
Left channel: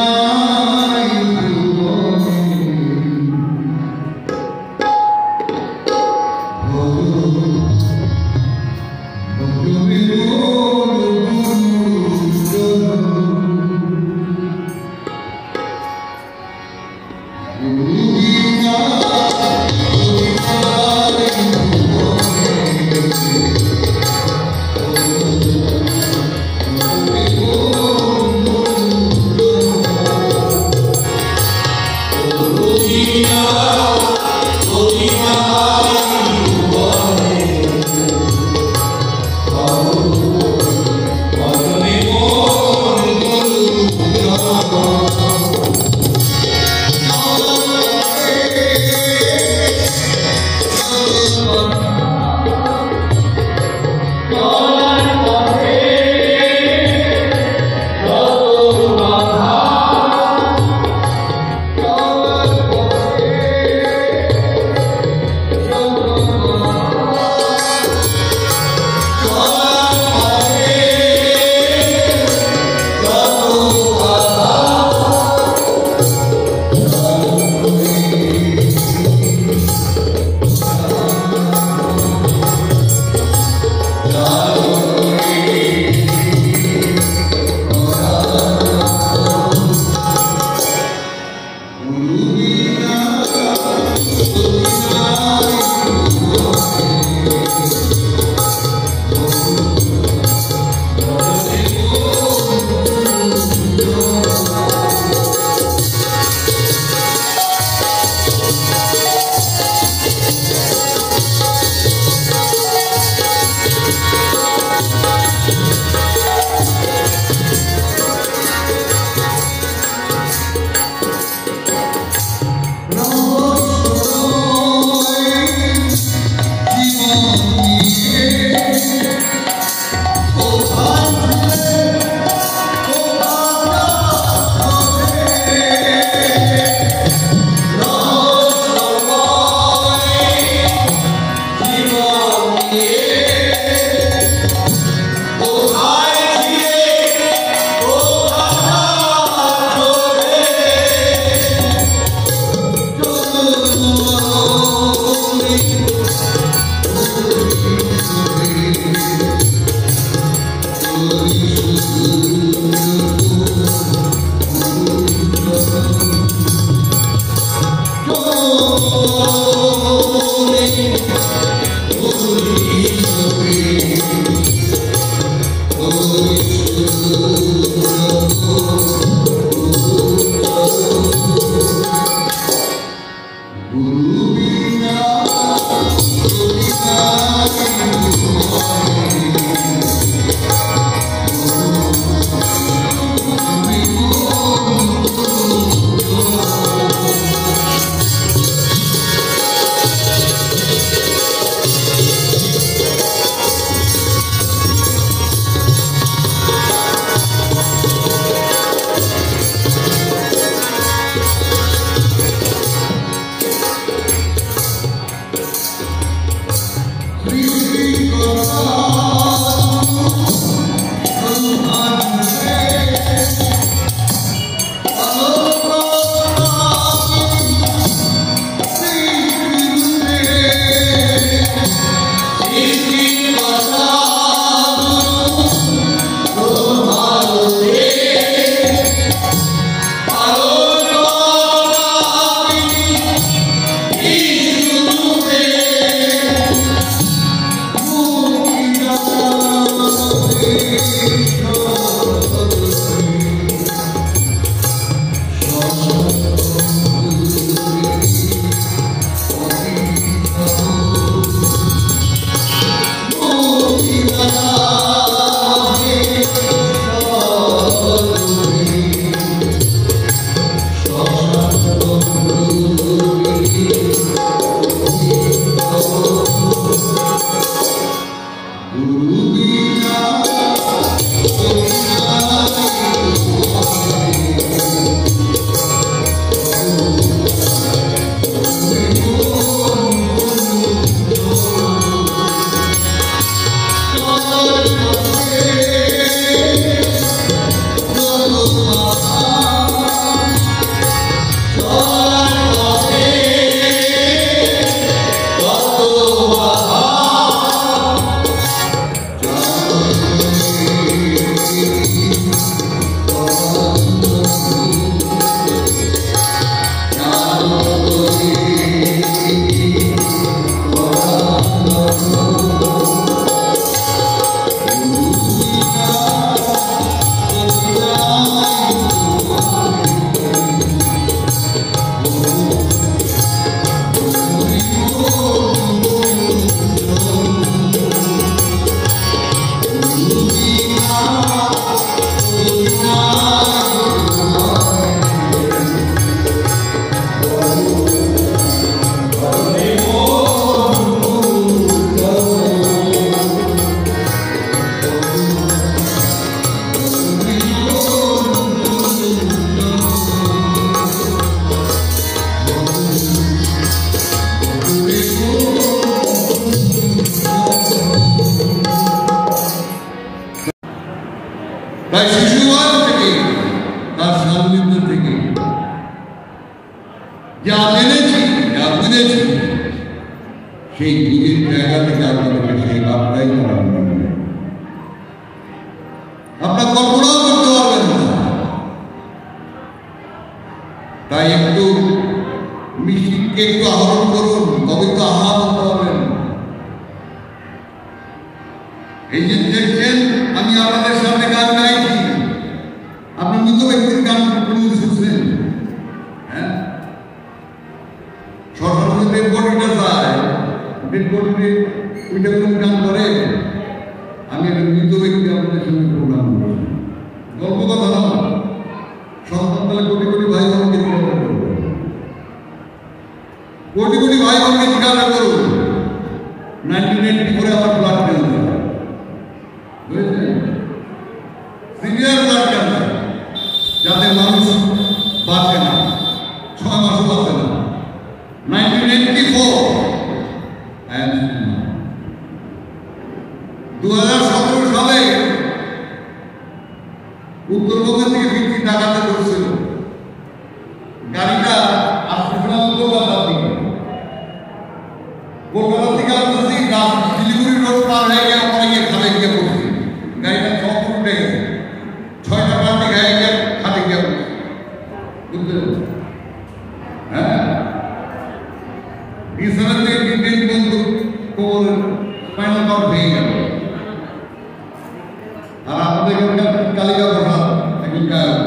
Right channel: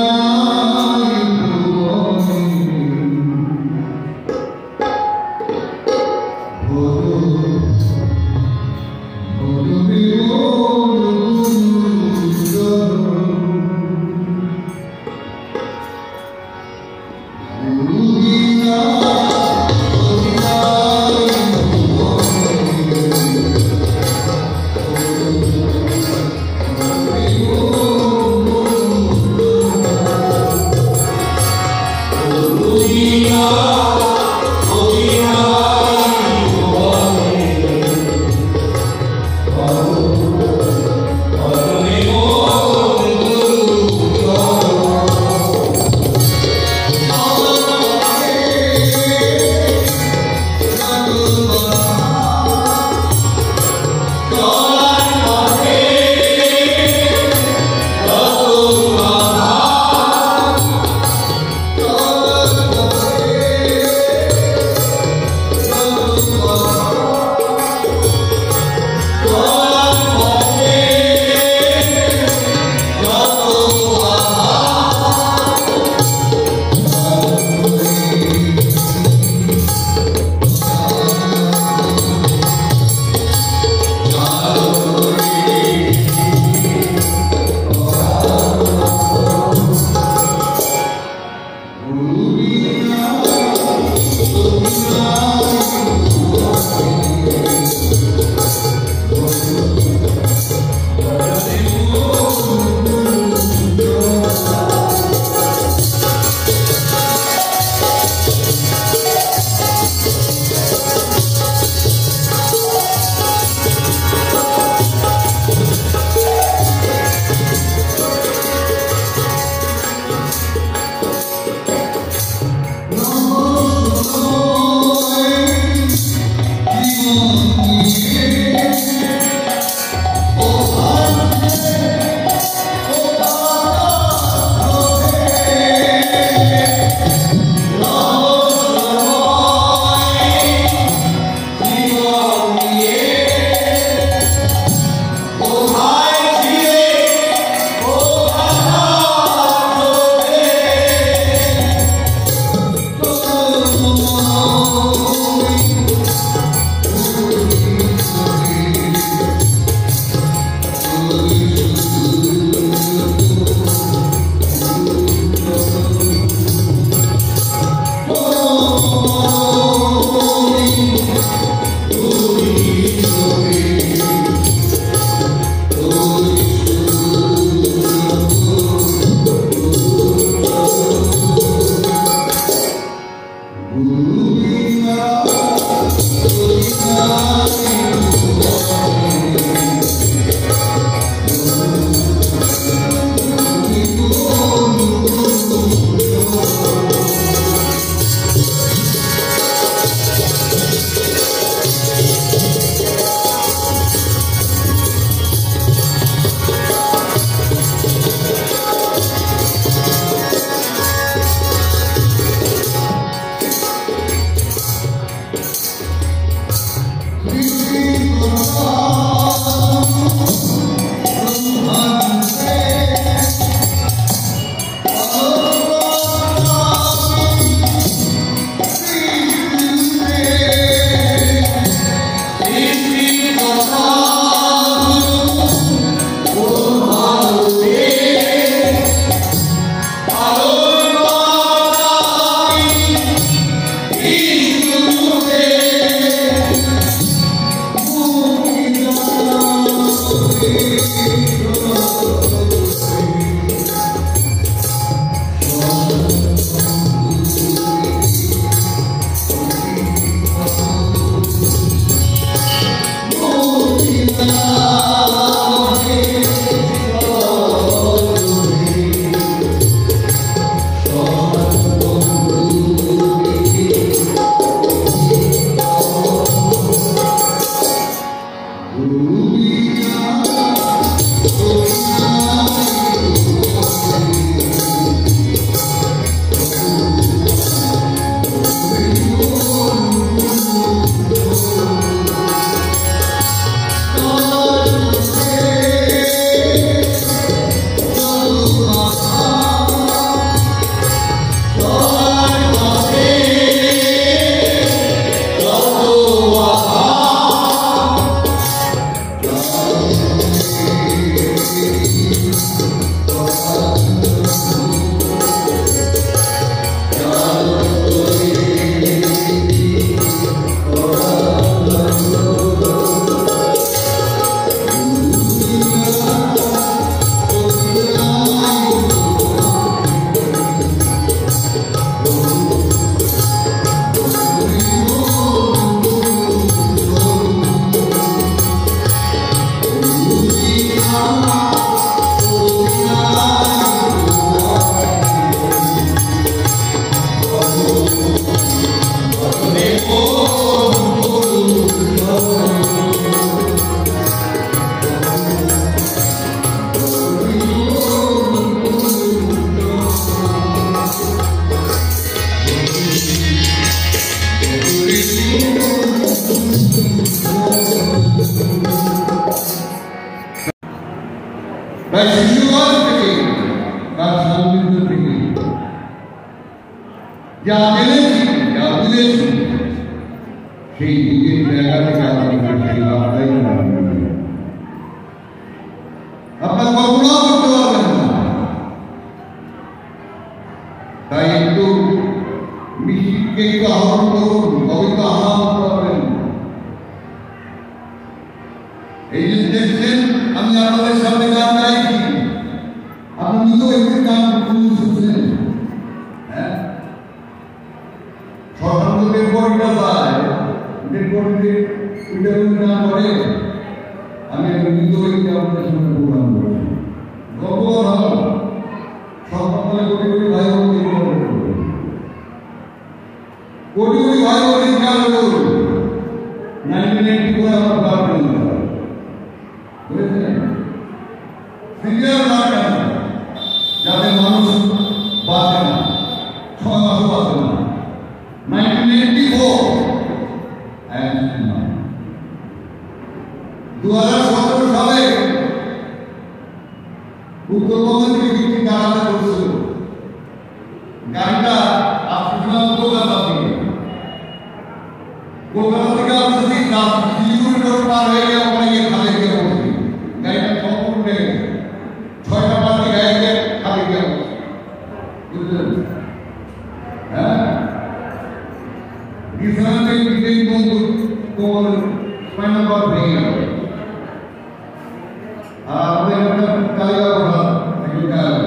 আর আমাদের এখানকার কালিকা প্রসাদ একজন গায়ক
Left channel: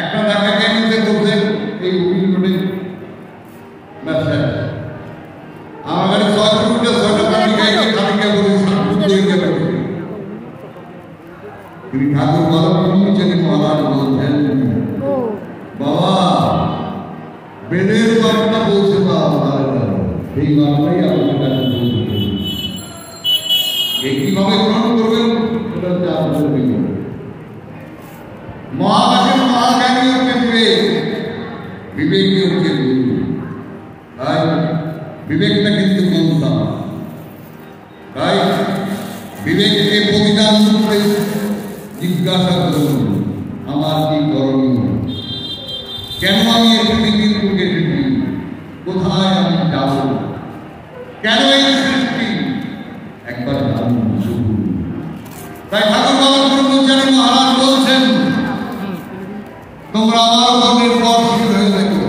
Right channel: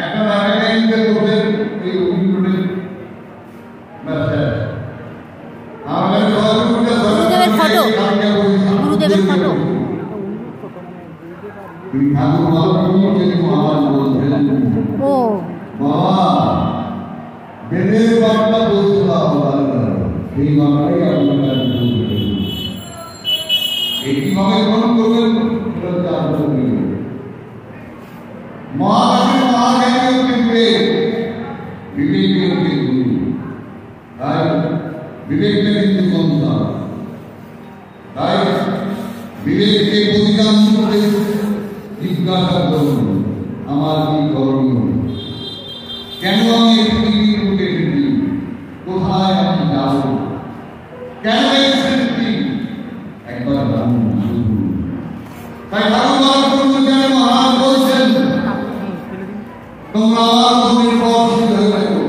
একটা ঢাকা ক্যানিতে করছেন এই অভিনয়ের ব্যবসা আমার কাছে 6 ফুটের 6টা কালিকা পরিচালনা তিনি ঠাকুর বালকমণি মহারাজ বলছেন বাবা বেদের বার্তা বলছে সেই বার্তাই আপনার কাছে এই কিভাবে গ্রহণ করবেন মহাবাসের মহাজ্ঞানী হচ্ছে বিবেকী হচ্ছে গুরু তাই বিবেকটা কিন্তু মন্ত্র তাই বিবেককে পরিধান করে জিজ্ঞাসা করুন আমার কি করণীয়, কেন আমি এই পৃথিবীর বুকে এসেছি, কোথায় আমি যাব, কেন এই সৃষ্টি একবার জানুন শুধু। তাই ঠাকুর বালকমণি মহারাজ বলছেন তোমরা আমার উপর নির্ভরশীল হয়ে থাকো,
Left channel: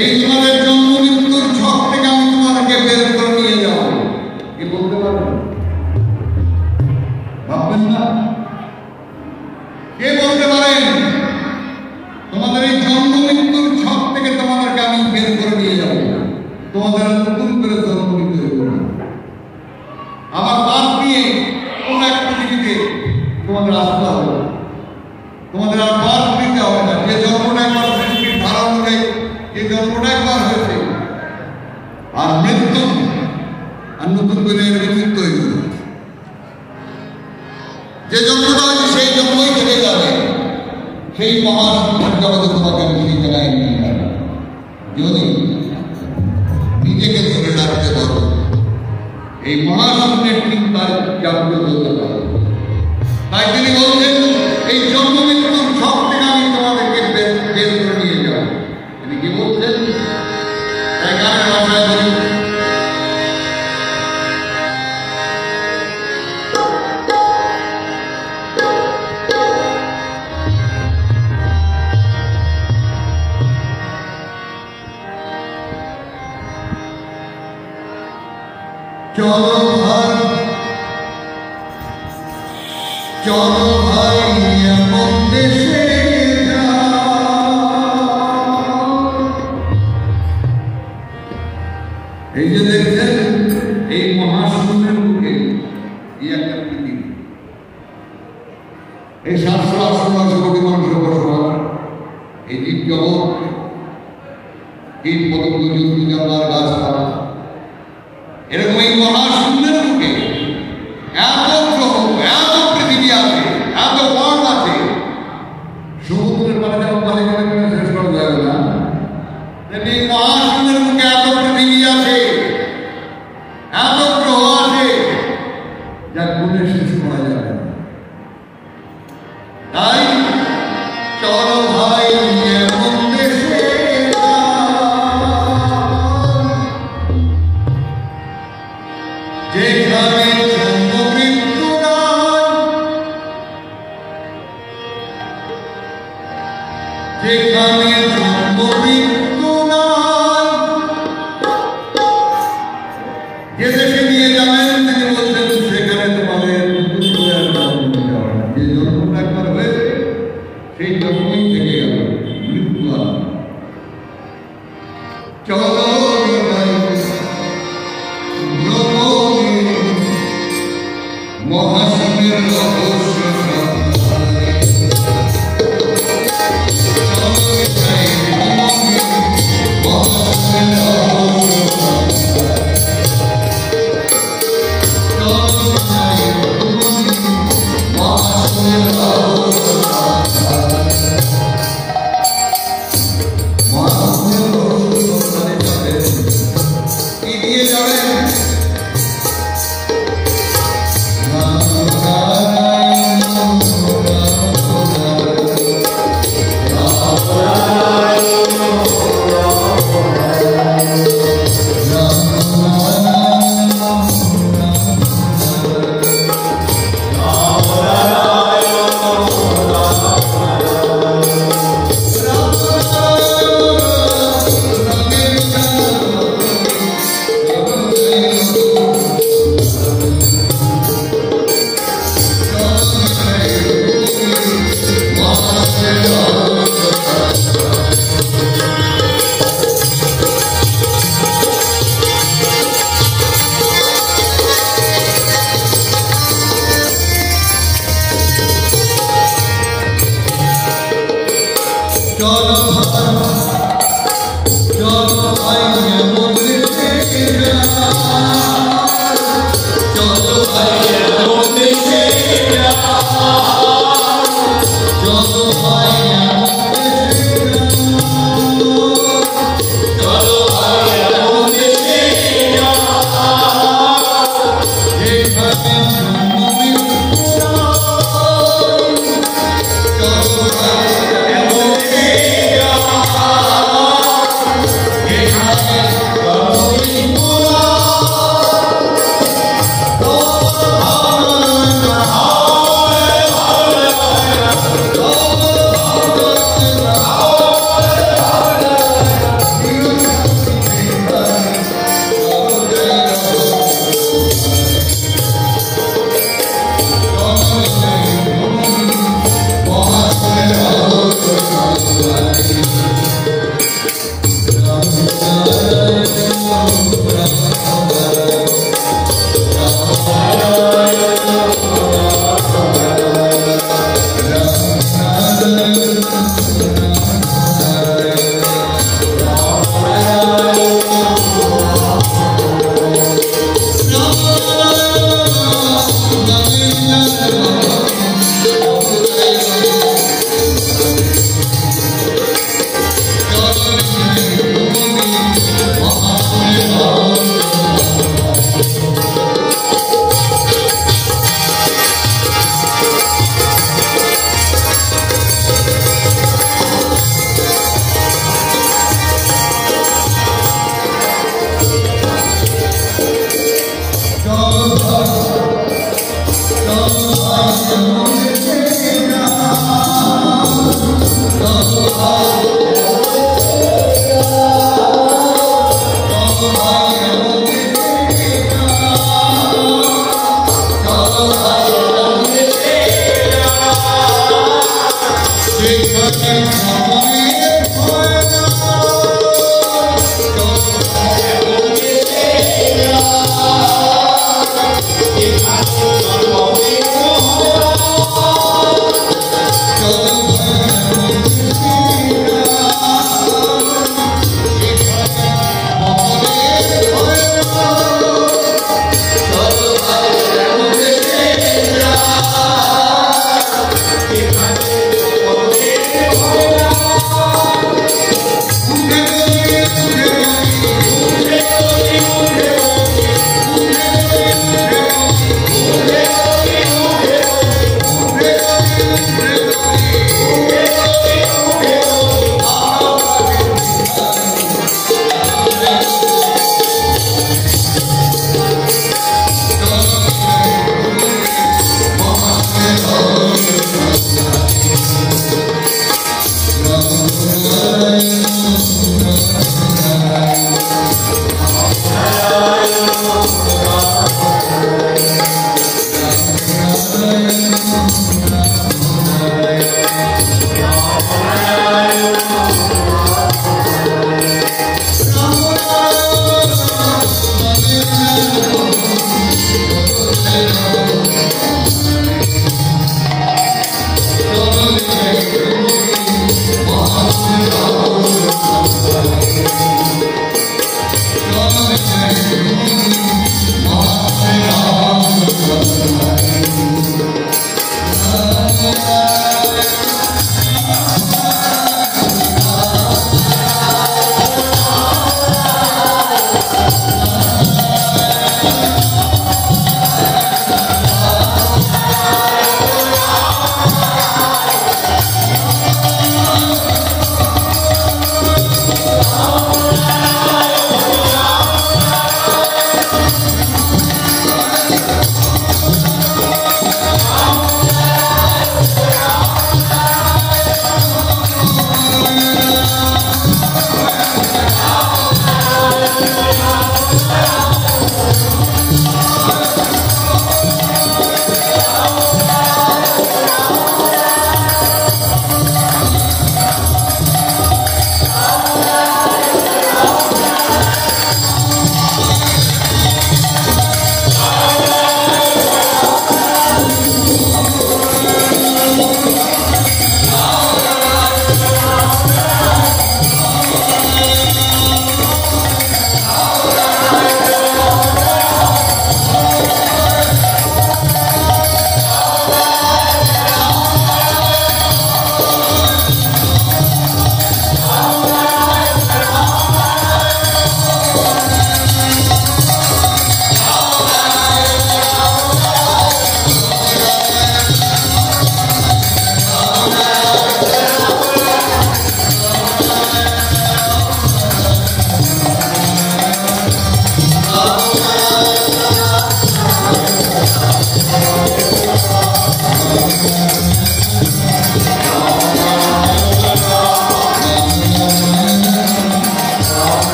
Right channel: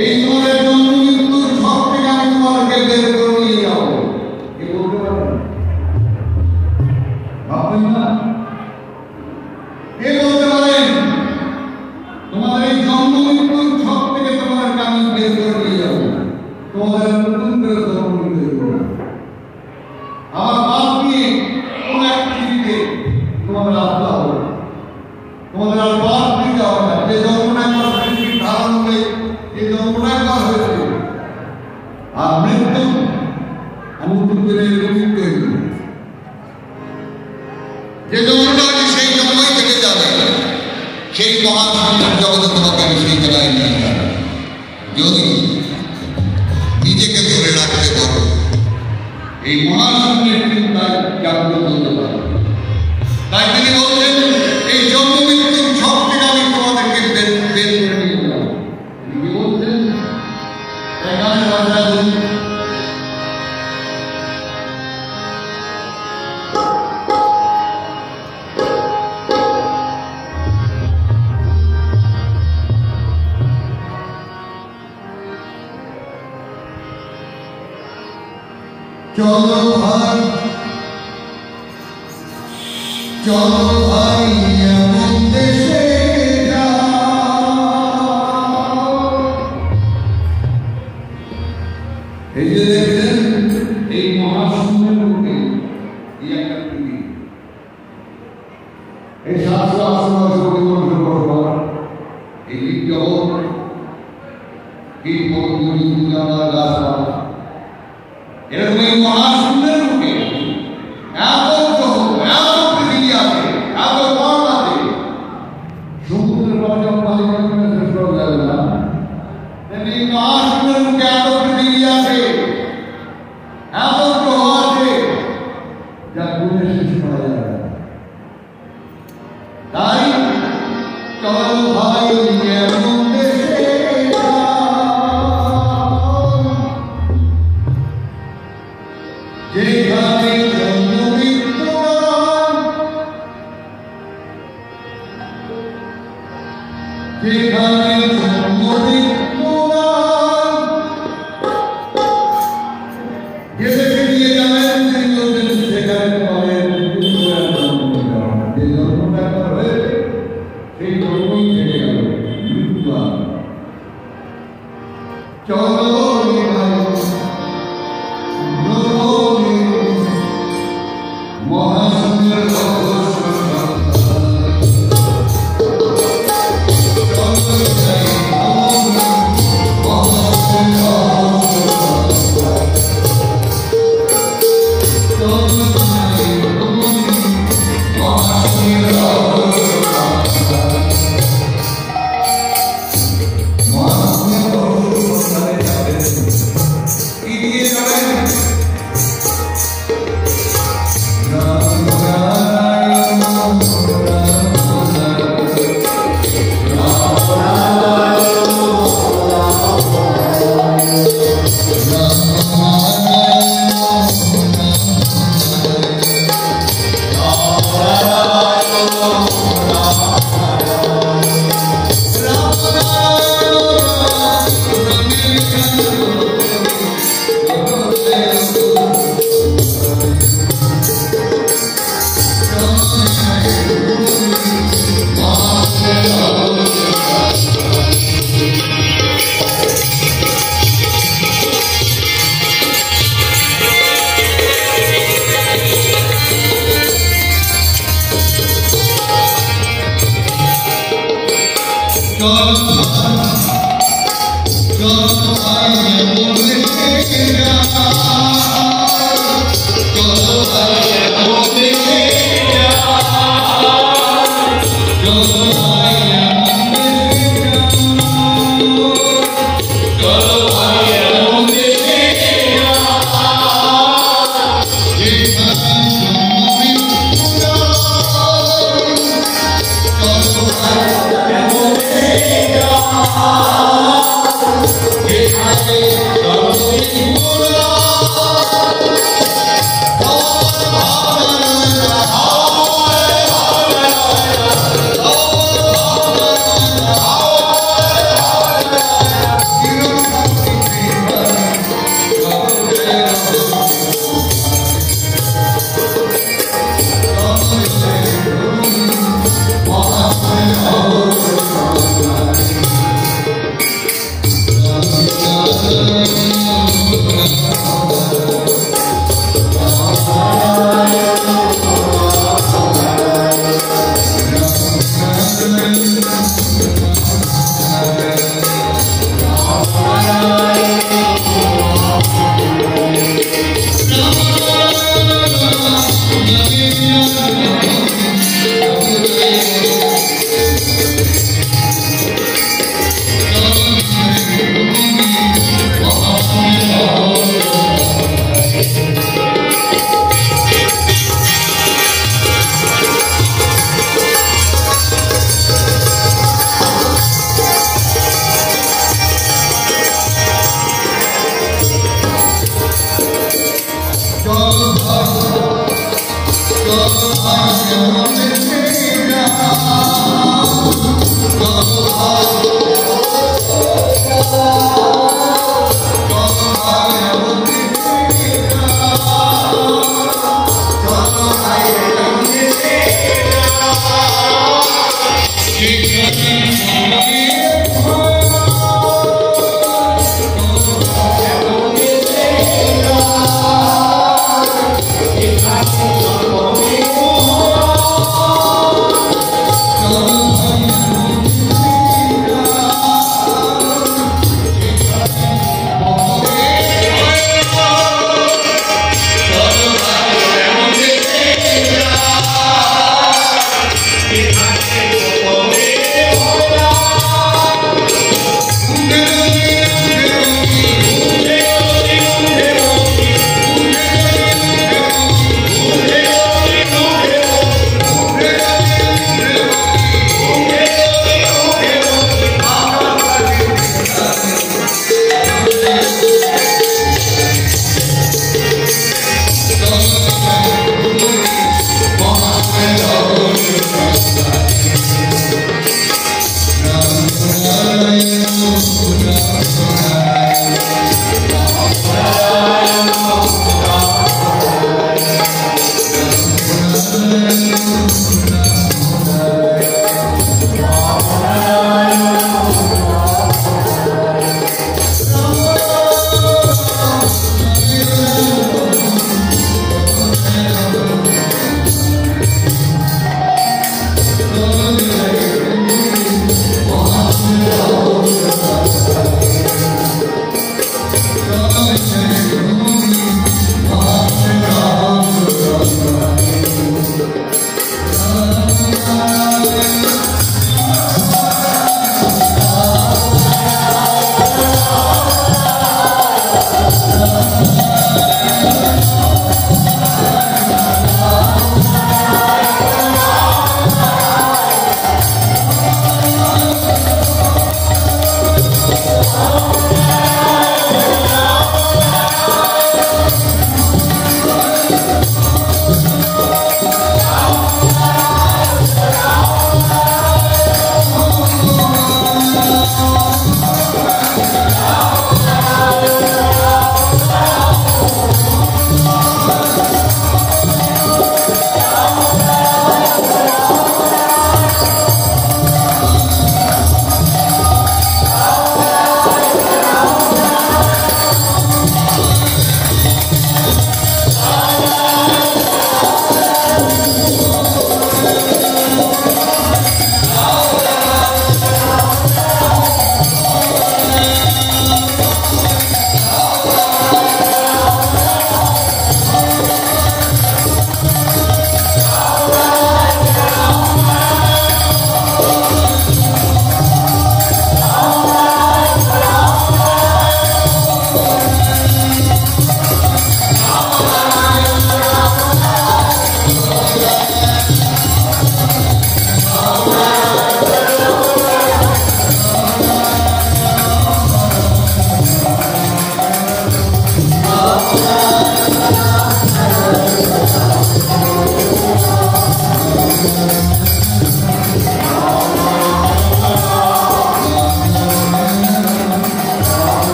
এই তোমাদের জন্ম মৃত্যুর ছক থেকে আমি তোমাদেরকে বের করে নিয়ে যাবো। কে বলতে পারেন? ভাববেন না? কে বলতে পারেন তোমাদের এই জন্ম মৃত্যুর ছক থেকে তোমাদেরকে আমি বের করে নিয়ে যাবো, তোমাদের নতুন করে জন্ম মৃত্যু করবো, আমার পাপ নিয়ে কোন এক পৃথিবীতে তোমাদের আসতে হবে, তোমাদের আর পাপ দিতে হবে না। যে জন্মটা একবার সৃষ্টির ধারা অনুযায়ী যে জন্মটা একবার হয়েছে আর মৃত্যু আর নতুন করে মুক্ত হয়ে যাবে, যে জন্মটা সেই জন্মই থেকে যাবে, সেই মহাশূন্যের জগতে তোমাকে আমি সেই জায়গায় নিয়ে যাবো যদি নিজেকে ধরে রাখতে পারো, এই মহাশূন্যের চিন্তায় জাগ্রত হতে পারো। তাই তিনি বলছেন এই জন্ম মৃত্যুর ছক থেকে আমি তোমাদেরকে বের করে নিয়ে যাবো। তিনি কি বলছেন? এখানে ভাষায় বলুন চলো ভাই চলো ভাই এমন দেশে এই যে দেখছেন এই মহাশূন্যের মুখে একটা পৃথিবী, এই 780 কোটি মানুষের বসবাস, এই জীবজগৎ কীট পতঙ্গ জন্তু জানোয়ার গাছপালা, এরকম এই মহাশূন্যের মুখে এত গ্রহ এত পৃথিবী আছে, এত পথ আছে, সমুদ্রের পাড়ে যেমন মাঝে মাঝে শেষ করা যায় না, তেমনি মহাশূন্যের মুখে এত পৃথিবী আছে, এত গ্রহ আছে যা গুণে শেষ করা যাবে। তাই চলো ভাই এমন দেশে যেখানে জন্ম মৃত্যু নাই, যেখানে জন্ম মৃত্যু নাই, যে দেশে নিয়ে যাবেন তিনি বলছেন সেখানে তোমাদের যে জন্মটা একবার হয়েছে সেই জন্মই থেকে গেল, মৃত্যু আর চলো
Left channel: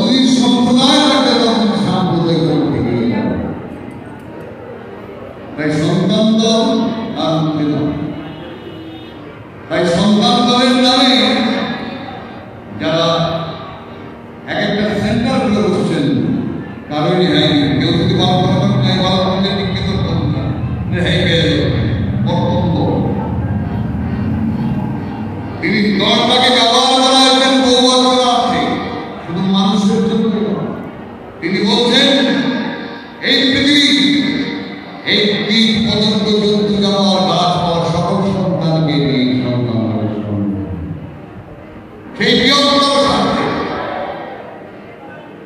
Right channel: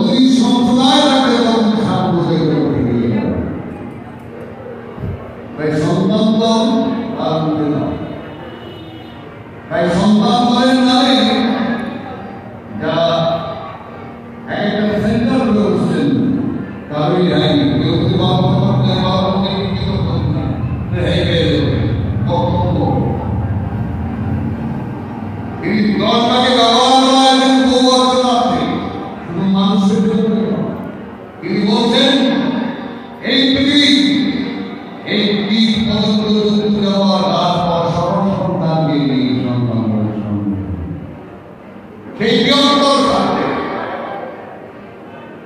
যতদিন সম্প্রদায় থাকে ততদিন সাম্প্রদায়িকতা থেকে যাবে। তাই সন্তান দল আর উঠে নয়। তাই সন্তান দলের নামে যারা এক একটা সেন্টার করে বসছেন কারোরই হয়নি। কেউ যদি বাবা বিকৃত করুন না, রেহাই পেয়ে যাবে বক্তব্য। তিনি দলটাকে ব্যবহার করাছেন বৌবাদে, শুধু মানুষের জন্য। তিনি বলছেন এই পৃথিবী এই কীট পতঙ্গ জন্তু জানোয়ার গাছ পাওয়ার সকল সন্তানকে নিয়ে সন্তান সেই বৃহত্তর স্বার্থে।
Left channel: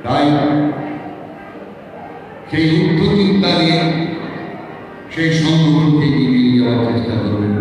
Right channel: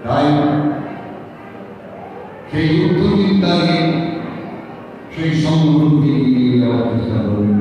তাই সেই উদ্ধচিন্তা নিয়ে সেই সংগ্রহকে এগিয়ে যাওয়ার চেষ্টা করবেন।